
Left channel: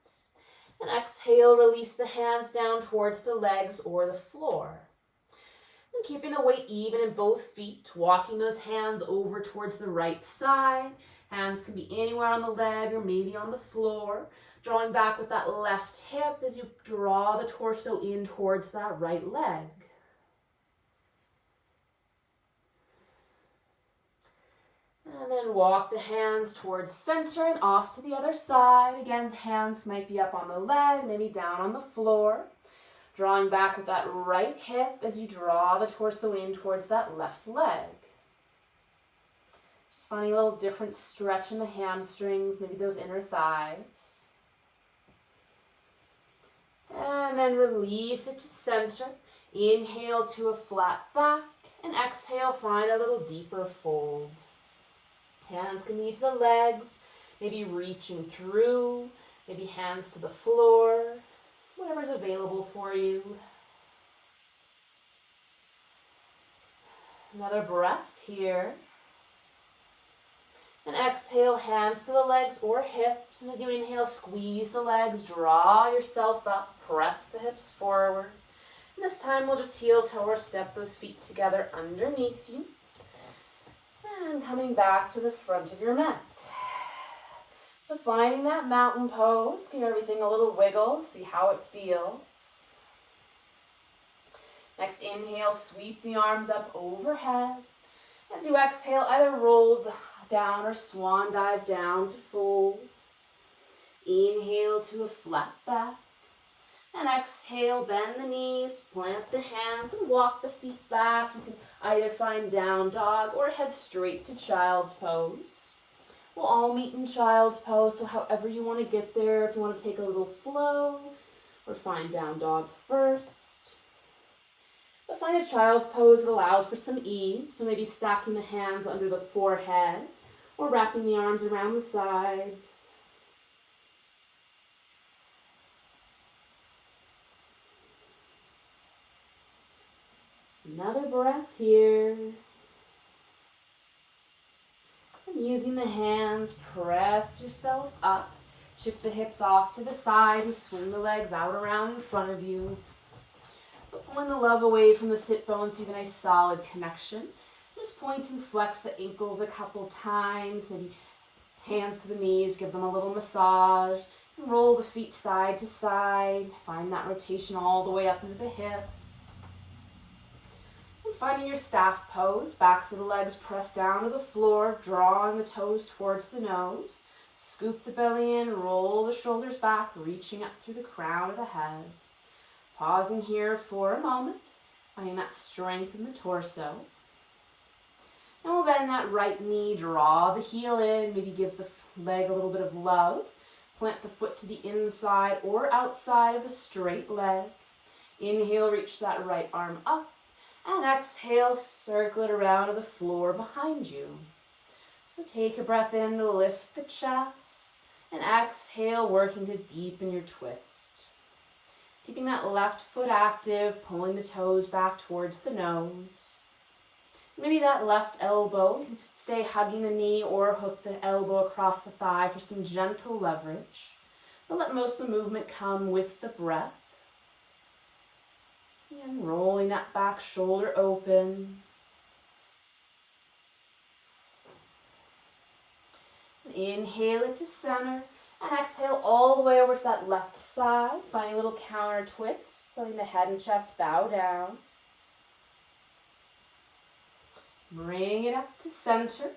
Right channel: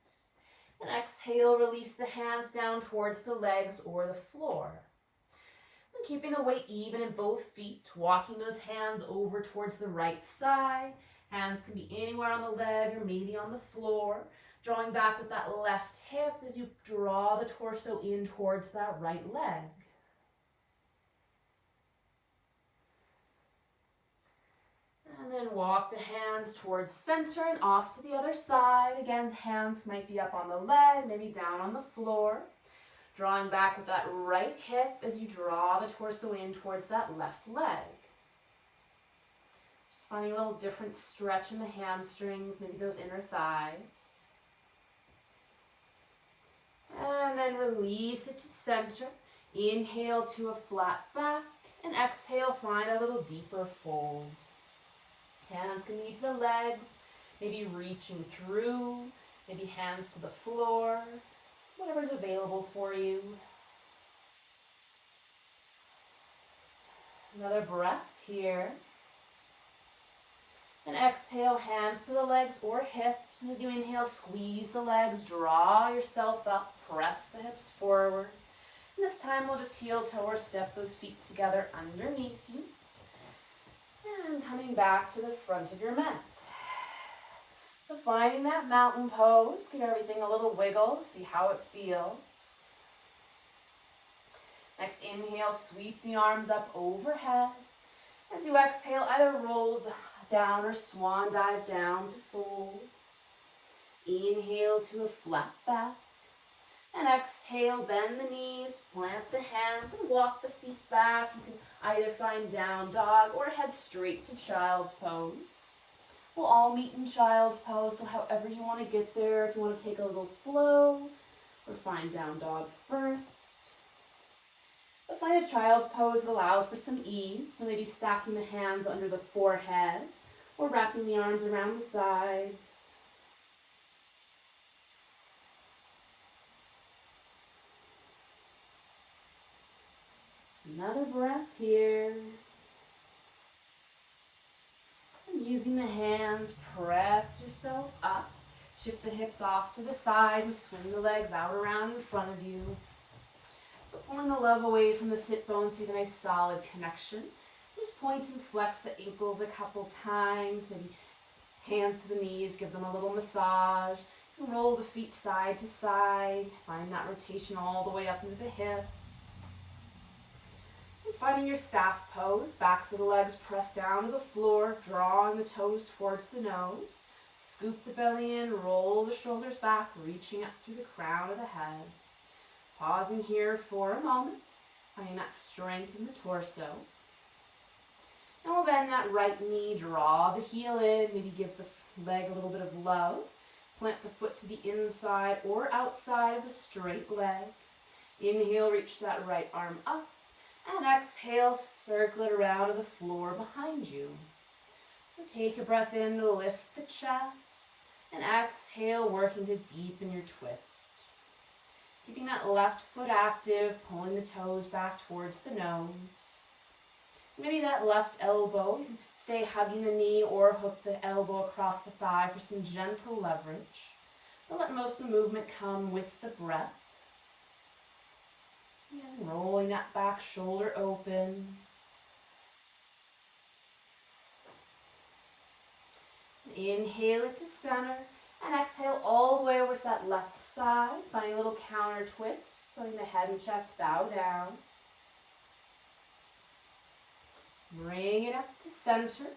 And exhale, release the hands down towards the legs or the floor. And keeping the weight even in both feet, walking those hands over towards the right side. Hands can be anywhere on the leg or maybe on the floor. Drawing back with that left hip as you draw the torso in towards that right leg. And then walk the hands towards center and off to the other side. Again, hands might be up on the leg, maybe down on the floor. Drawing back with that right hip as you draw the torso in towards that left leg. Just finding a little different stretch in the hamstrings, maybe those inner thighs. And then release it to center. Inhale to a flat back. And exhale, find a little deeper fold. Hands can be to the legs, maybe reaching through, maybe hands to the floor, whatever's available for you. Another breath here. And exhale, hands to the legs or hips. And as you inhale, squeeze the legs, draw yourself up, press the hips forward. And this time we'll just heel toe or step those feet together underneath you. And coming back to the front of your mat. So finding that mountain pose, give everything a little wiggle, see how it feels. Next inhale, sweep the arms up overhead. As you exhale, either roll down or swan dive down to fold. Inhale to a flat back. And exhale, bend the knees, plant the hands, and walk the feet back. You can either find down dog or head straight to child's pose. We'll all meet in child's pose, so however you want to get there, if you want to take a little flow, or find down dog first. But find a child's pose that allows for some ease, so maybe stacking the hands under the forehead, or wrapping the arms around the sides. Another breath here. And using the hands, press yourself up. Shift the hips off to the side and swing the legs out around in front of you. So pulling the love away from the sit bones so you have a nice solid connection. Just point and flex the ankles a couple times. Maybe hands to the knees, give them a little massage. And roll the feet side to side. Find that rotation all the way up into the hips. And finding your staff pose, backs of the legs press down to the floor, drawing the toes towards the nose. Scoop the belly in, roll the shoulders back, reaching up through the crown of the head. Pausing here for a moment, finding that strength in the torso. And we'll bend that right knee, draw the heel in, maybe give the leg a little bit of love. Plant the foot to the inside or outside of the straight leg. Inhale, reach that right arm up. And exhale, circle it around to the floor behind you. So take a breath in to lift the chest. And exhale, working to deepen your twist. Keeping that left foot active, pulling the toes back towards the nose. Maybe that left elbow, you can stay hugging the knee or hook the elbow across the thigh for some gentle leverage. But let most of the movement come with the breath. And rolling that back shoulder open. And inhale it to center. And exhale all the way over to that left side. Finding a little counter twist. Letting the head and chest bow down. Bring it up to center.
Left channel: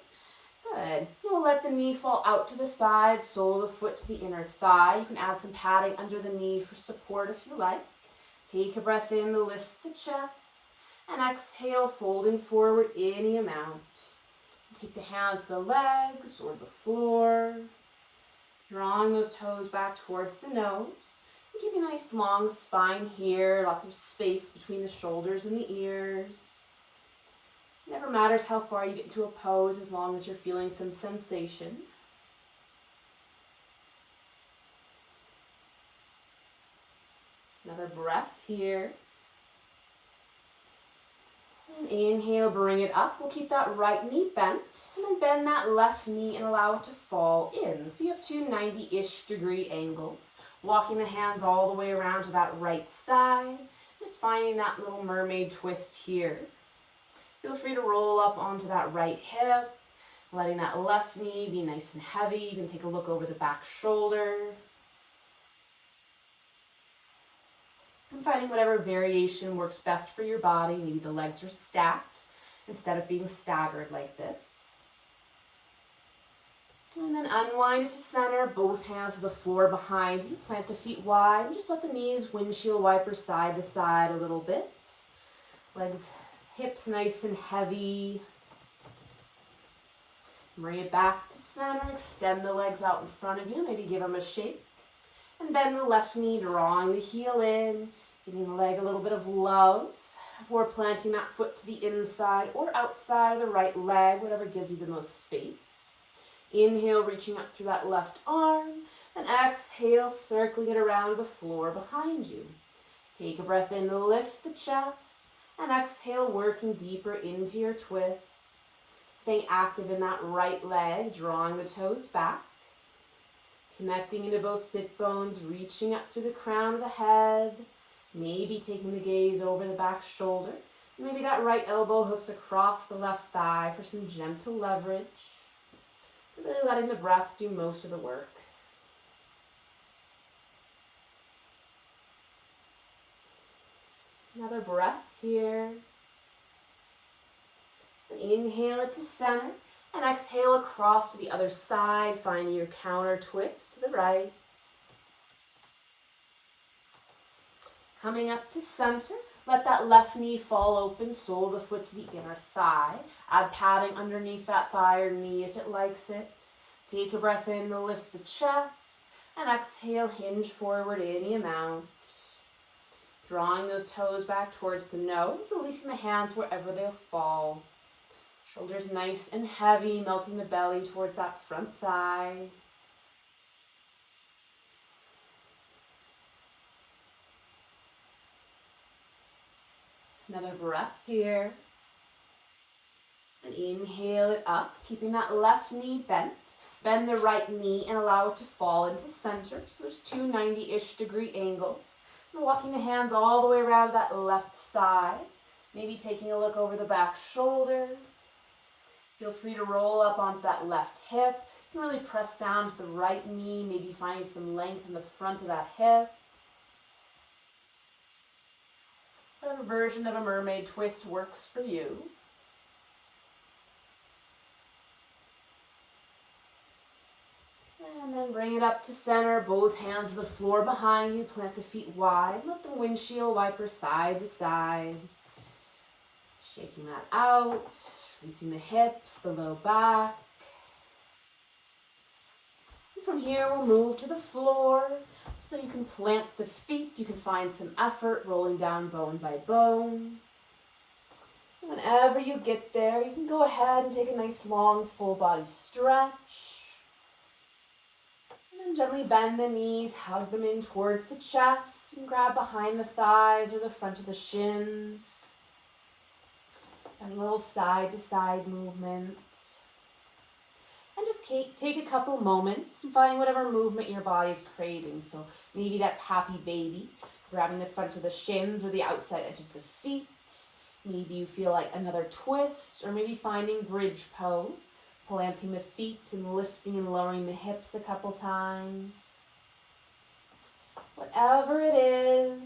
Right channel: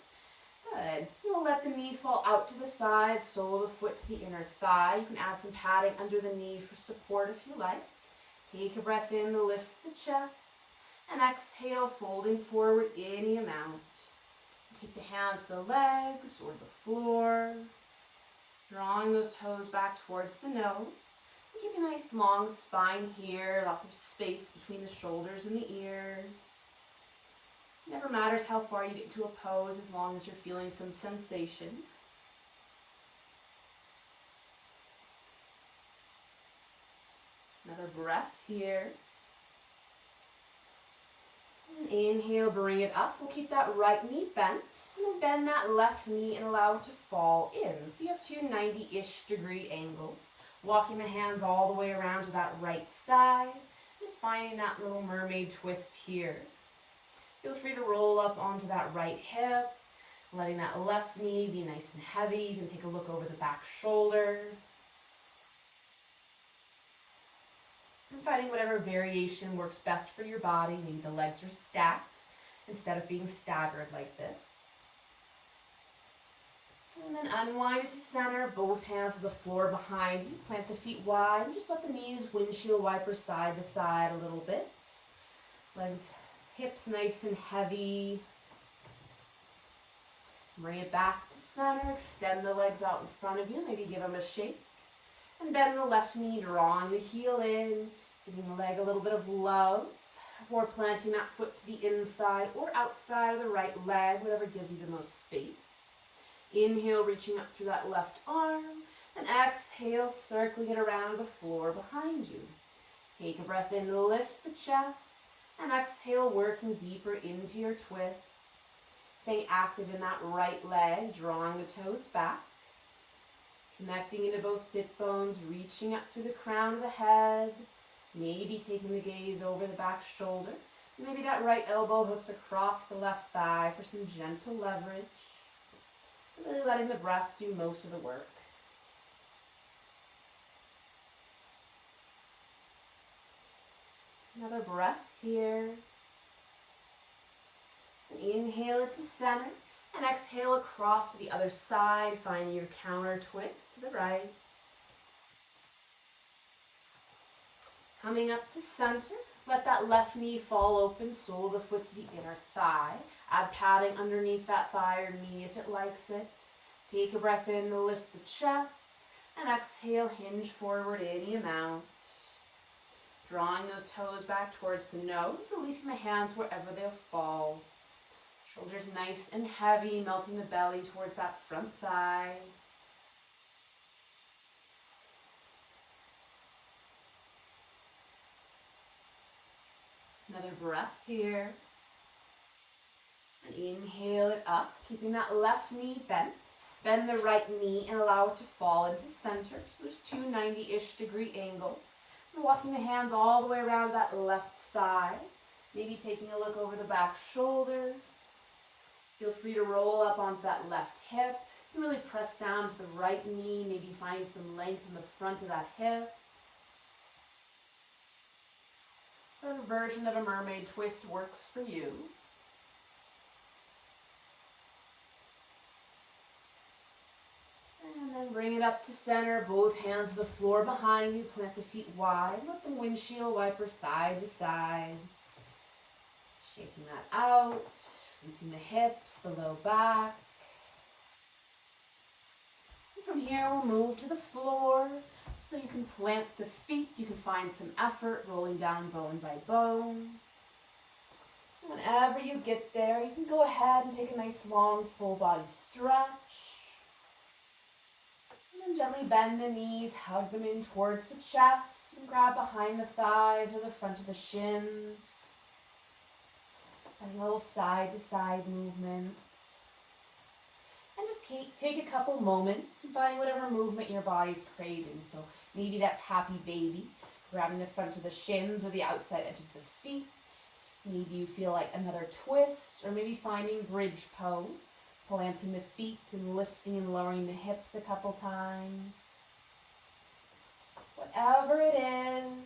Good. We'll let the knee fall out to the side. Sole of the foot to the inner thigh. You can add some padding under the knee for support if you like. Take a breath in to lift the chest. And exhale, folding forward any amount. Take the hands to the legs or the floor. Drawing those toes back towards the nose. And keep a nice long spine here. Lots of space between the shoulders and the ears. Never matters how far you get into a pose as long as you're feeling some sensation. Another breath here. And inhale, bring it up. We'll keep that right knee bent. And then bend that left knee and allow it to fall in. So you have two 90-ish degree angles. Walking the hands all the way around to that right side. Just finding that little mermaid twist here. Feel free to roll up onto that right hip. Letting that left knee be nice and heavy. You can take a look over the back shoulder. And finding whatever variation works best for your body. Maybe the legs are stacked instead of being staggered like this. And then unwind it to center, both hands to the floor behind you. Plant the feet wide and just let the knees windshield wiper side to side a little bit. Legs, hips nice and heavy. Bring it back to center, extend the legs out in front of you, maybe give them a shake. And bend the left knee, drawing the heel in, giving the leg a little bit of love before planting that foot to the inside or outside of the right leg, whatever gives you the most space. Inhale, reaching up through that left arm, and exhale, circling it around the floor behind you. Take a breath in to lift the chest, and exhale, working deeper into your twist. Staying active in that right leg, drawing the toes back. Connecting into both sit bones, reaching up through the crown of the head. Maybe taking the gaze over the back shoulder. Maybe that right elbow hooks across the left thigh for some gentle leverage. Really letting the breath do most of the work. Another breath here. And inhale it to center. And exhale across to the other side, finding your counter twist to the right. Coming up to center, let that left knee fall open, sole of the foot to the inner thigh. Add padding underneath that thigh or knee if it likes it. Take a breath in to lift the chest, and exhale, hinge forward any amount. Drawing those toes back towards the nose, releasing the hands wherever they'll fall. Shoulders nice and heavy, melting the belly towards that front thigh. Another breath here. And inhale it up, keeping that left knee bent. Bend the right knee and allow it to fall into center. So there's two 90-ish degree angles. And walking the hands all the way around that left side. Maybe taking a look over the back shoulder. Feel free to roll up onto that left hip. You can really press down to the right knee, maybe finding some length in the front of that hip. Whatever version of a mermaid twist works for you. And then bring it up to center, both hands to the floor behind you, plant the feet wide, let the windshield wiper side to side. Shaking that out, releasing the hips, the low back. And from here, we'll move to the floor. So you can plant the feet, you can find some effort, rolling down bone by bone. Whenever you get there, you can go ahead and take a nice long full body stretch. And gently bend the knees, hug them in towards the chest, and grab behind the thighs or the front of the shins. And little side to side movements. And just take a couple moments and find whatever movement your body's craving. So maybe that's happy baby, grabbing the front of the shins or the outside edges of the feet. Maybe you feel like another twist, or maybe finding bridge pose, planting the feet and lifting and lowering the hips a couple times. Whatever it is,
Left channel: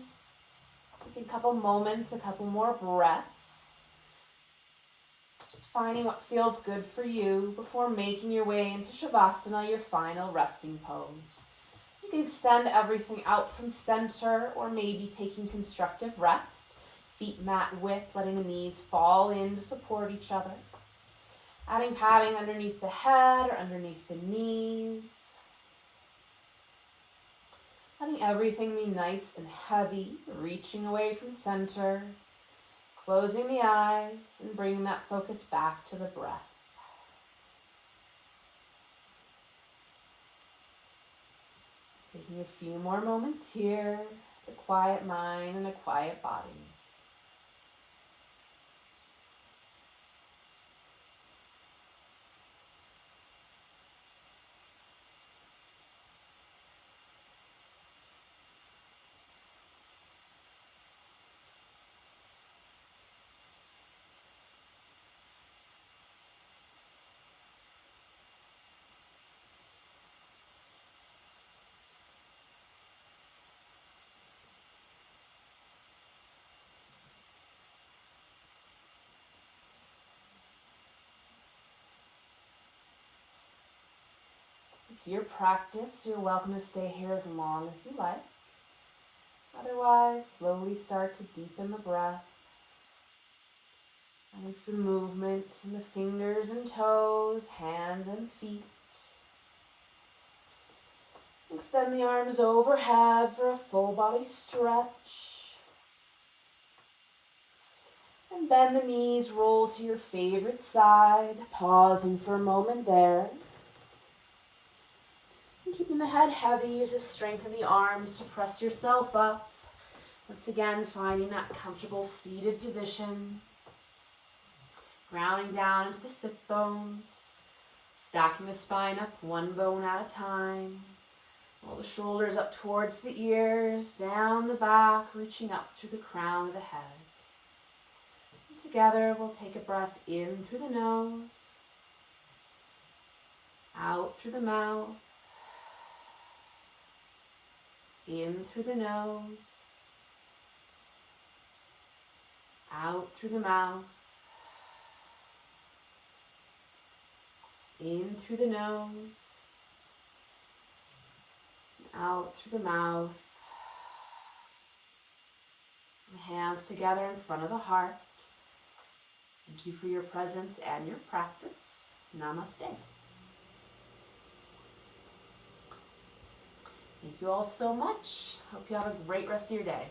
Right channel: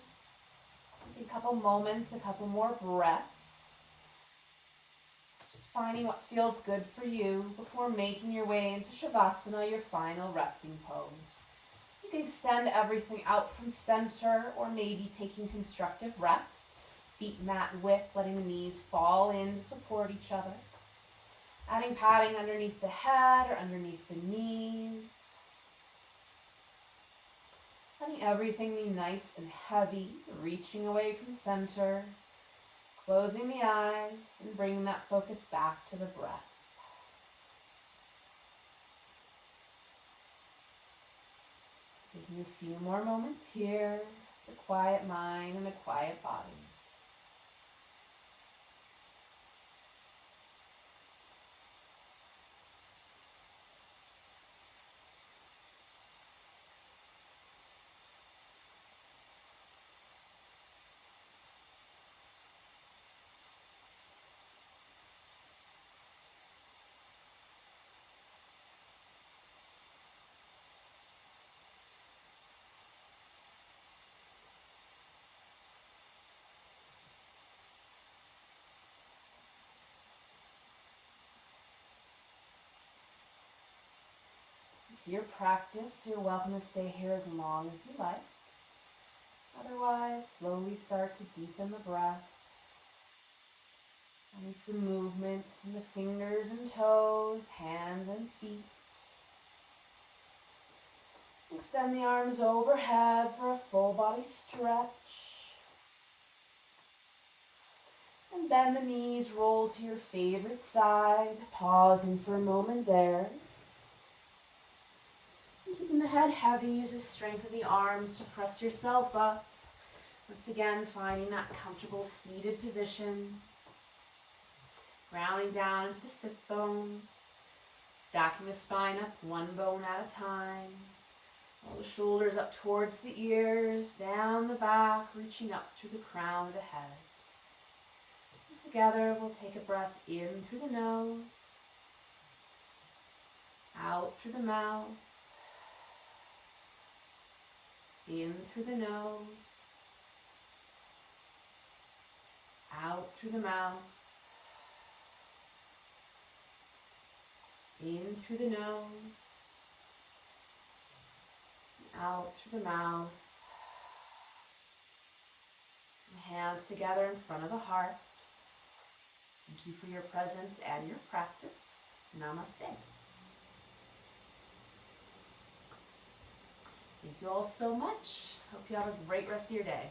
take a couple moments, a couple more breaths. Finding what feels good for you before making your way into Shavasana, your final resting pose. So you can extend everything out from center, or maybe taking constructive rest. Feet mat width, letting the knees fall in to support each other. Adding padding underneath the head or underneath the knees. Letting everything be nice and heavy, reaching away from center. Closing the eyes and bringing that focus back to the breath. Taking a few more moments here, a quiet mind and a quiet body. It's your practice. You're welcome to stay here as long as you like. Otherwise, slowly start to deepen the breath. Find some movement in the fingers and toes, hands and feet. Extend the arms overhead for a full body stretch. And bend the knees, roll to your favorite side, pausing for a moment there. And keeping the head heavy, use the strength of the arms to press yourself up. Once again, finding that comfortable seated position. Grounding down into the sit bones. Stacking the spine up one bone at a time. Roll the shoulders up towards the ears, down the back, reaching up through the crown of the head. And together, we'll take a breath in through the nose, out through the mouth, in through the nose, out through the mouth, in through the nose, out through the mouth, Hands together in front of the heart. Thank you for your presence and your practice. Namaste. Thank you all so much. Hope you have a great rest of your day.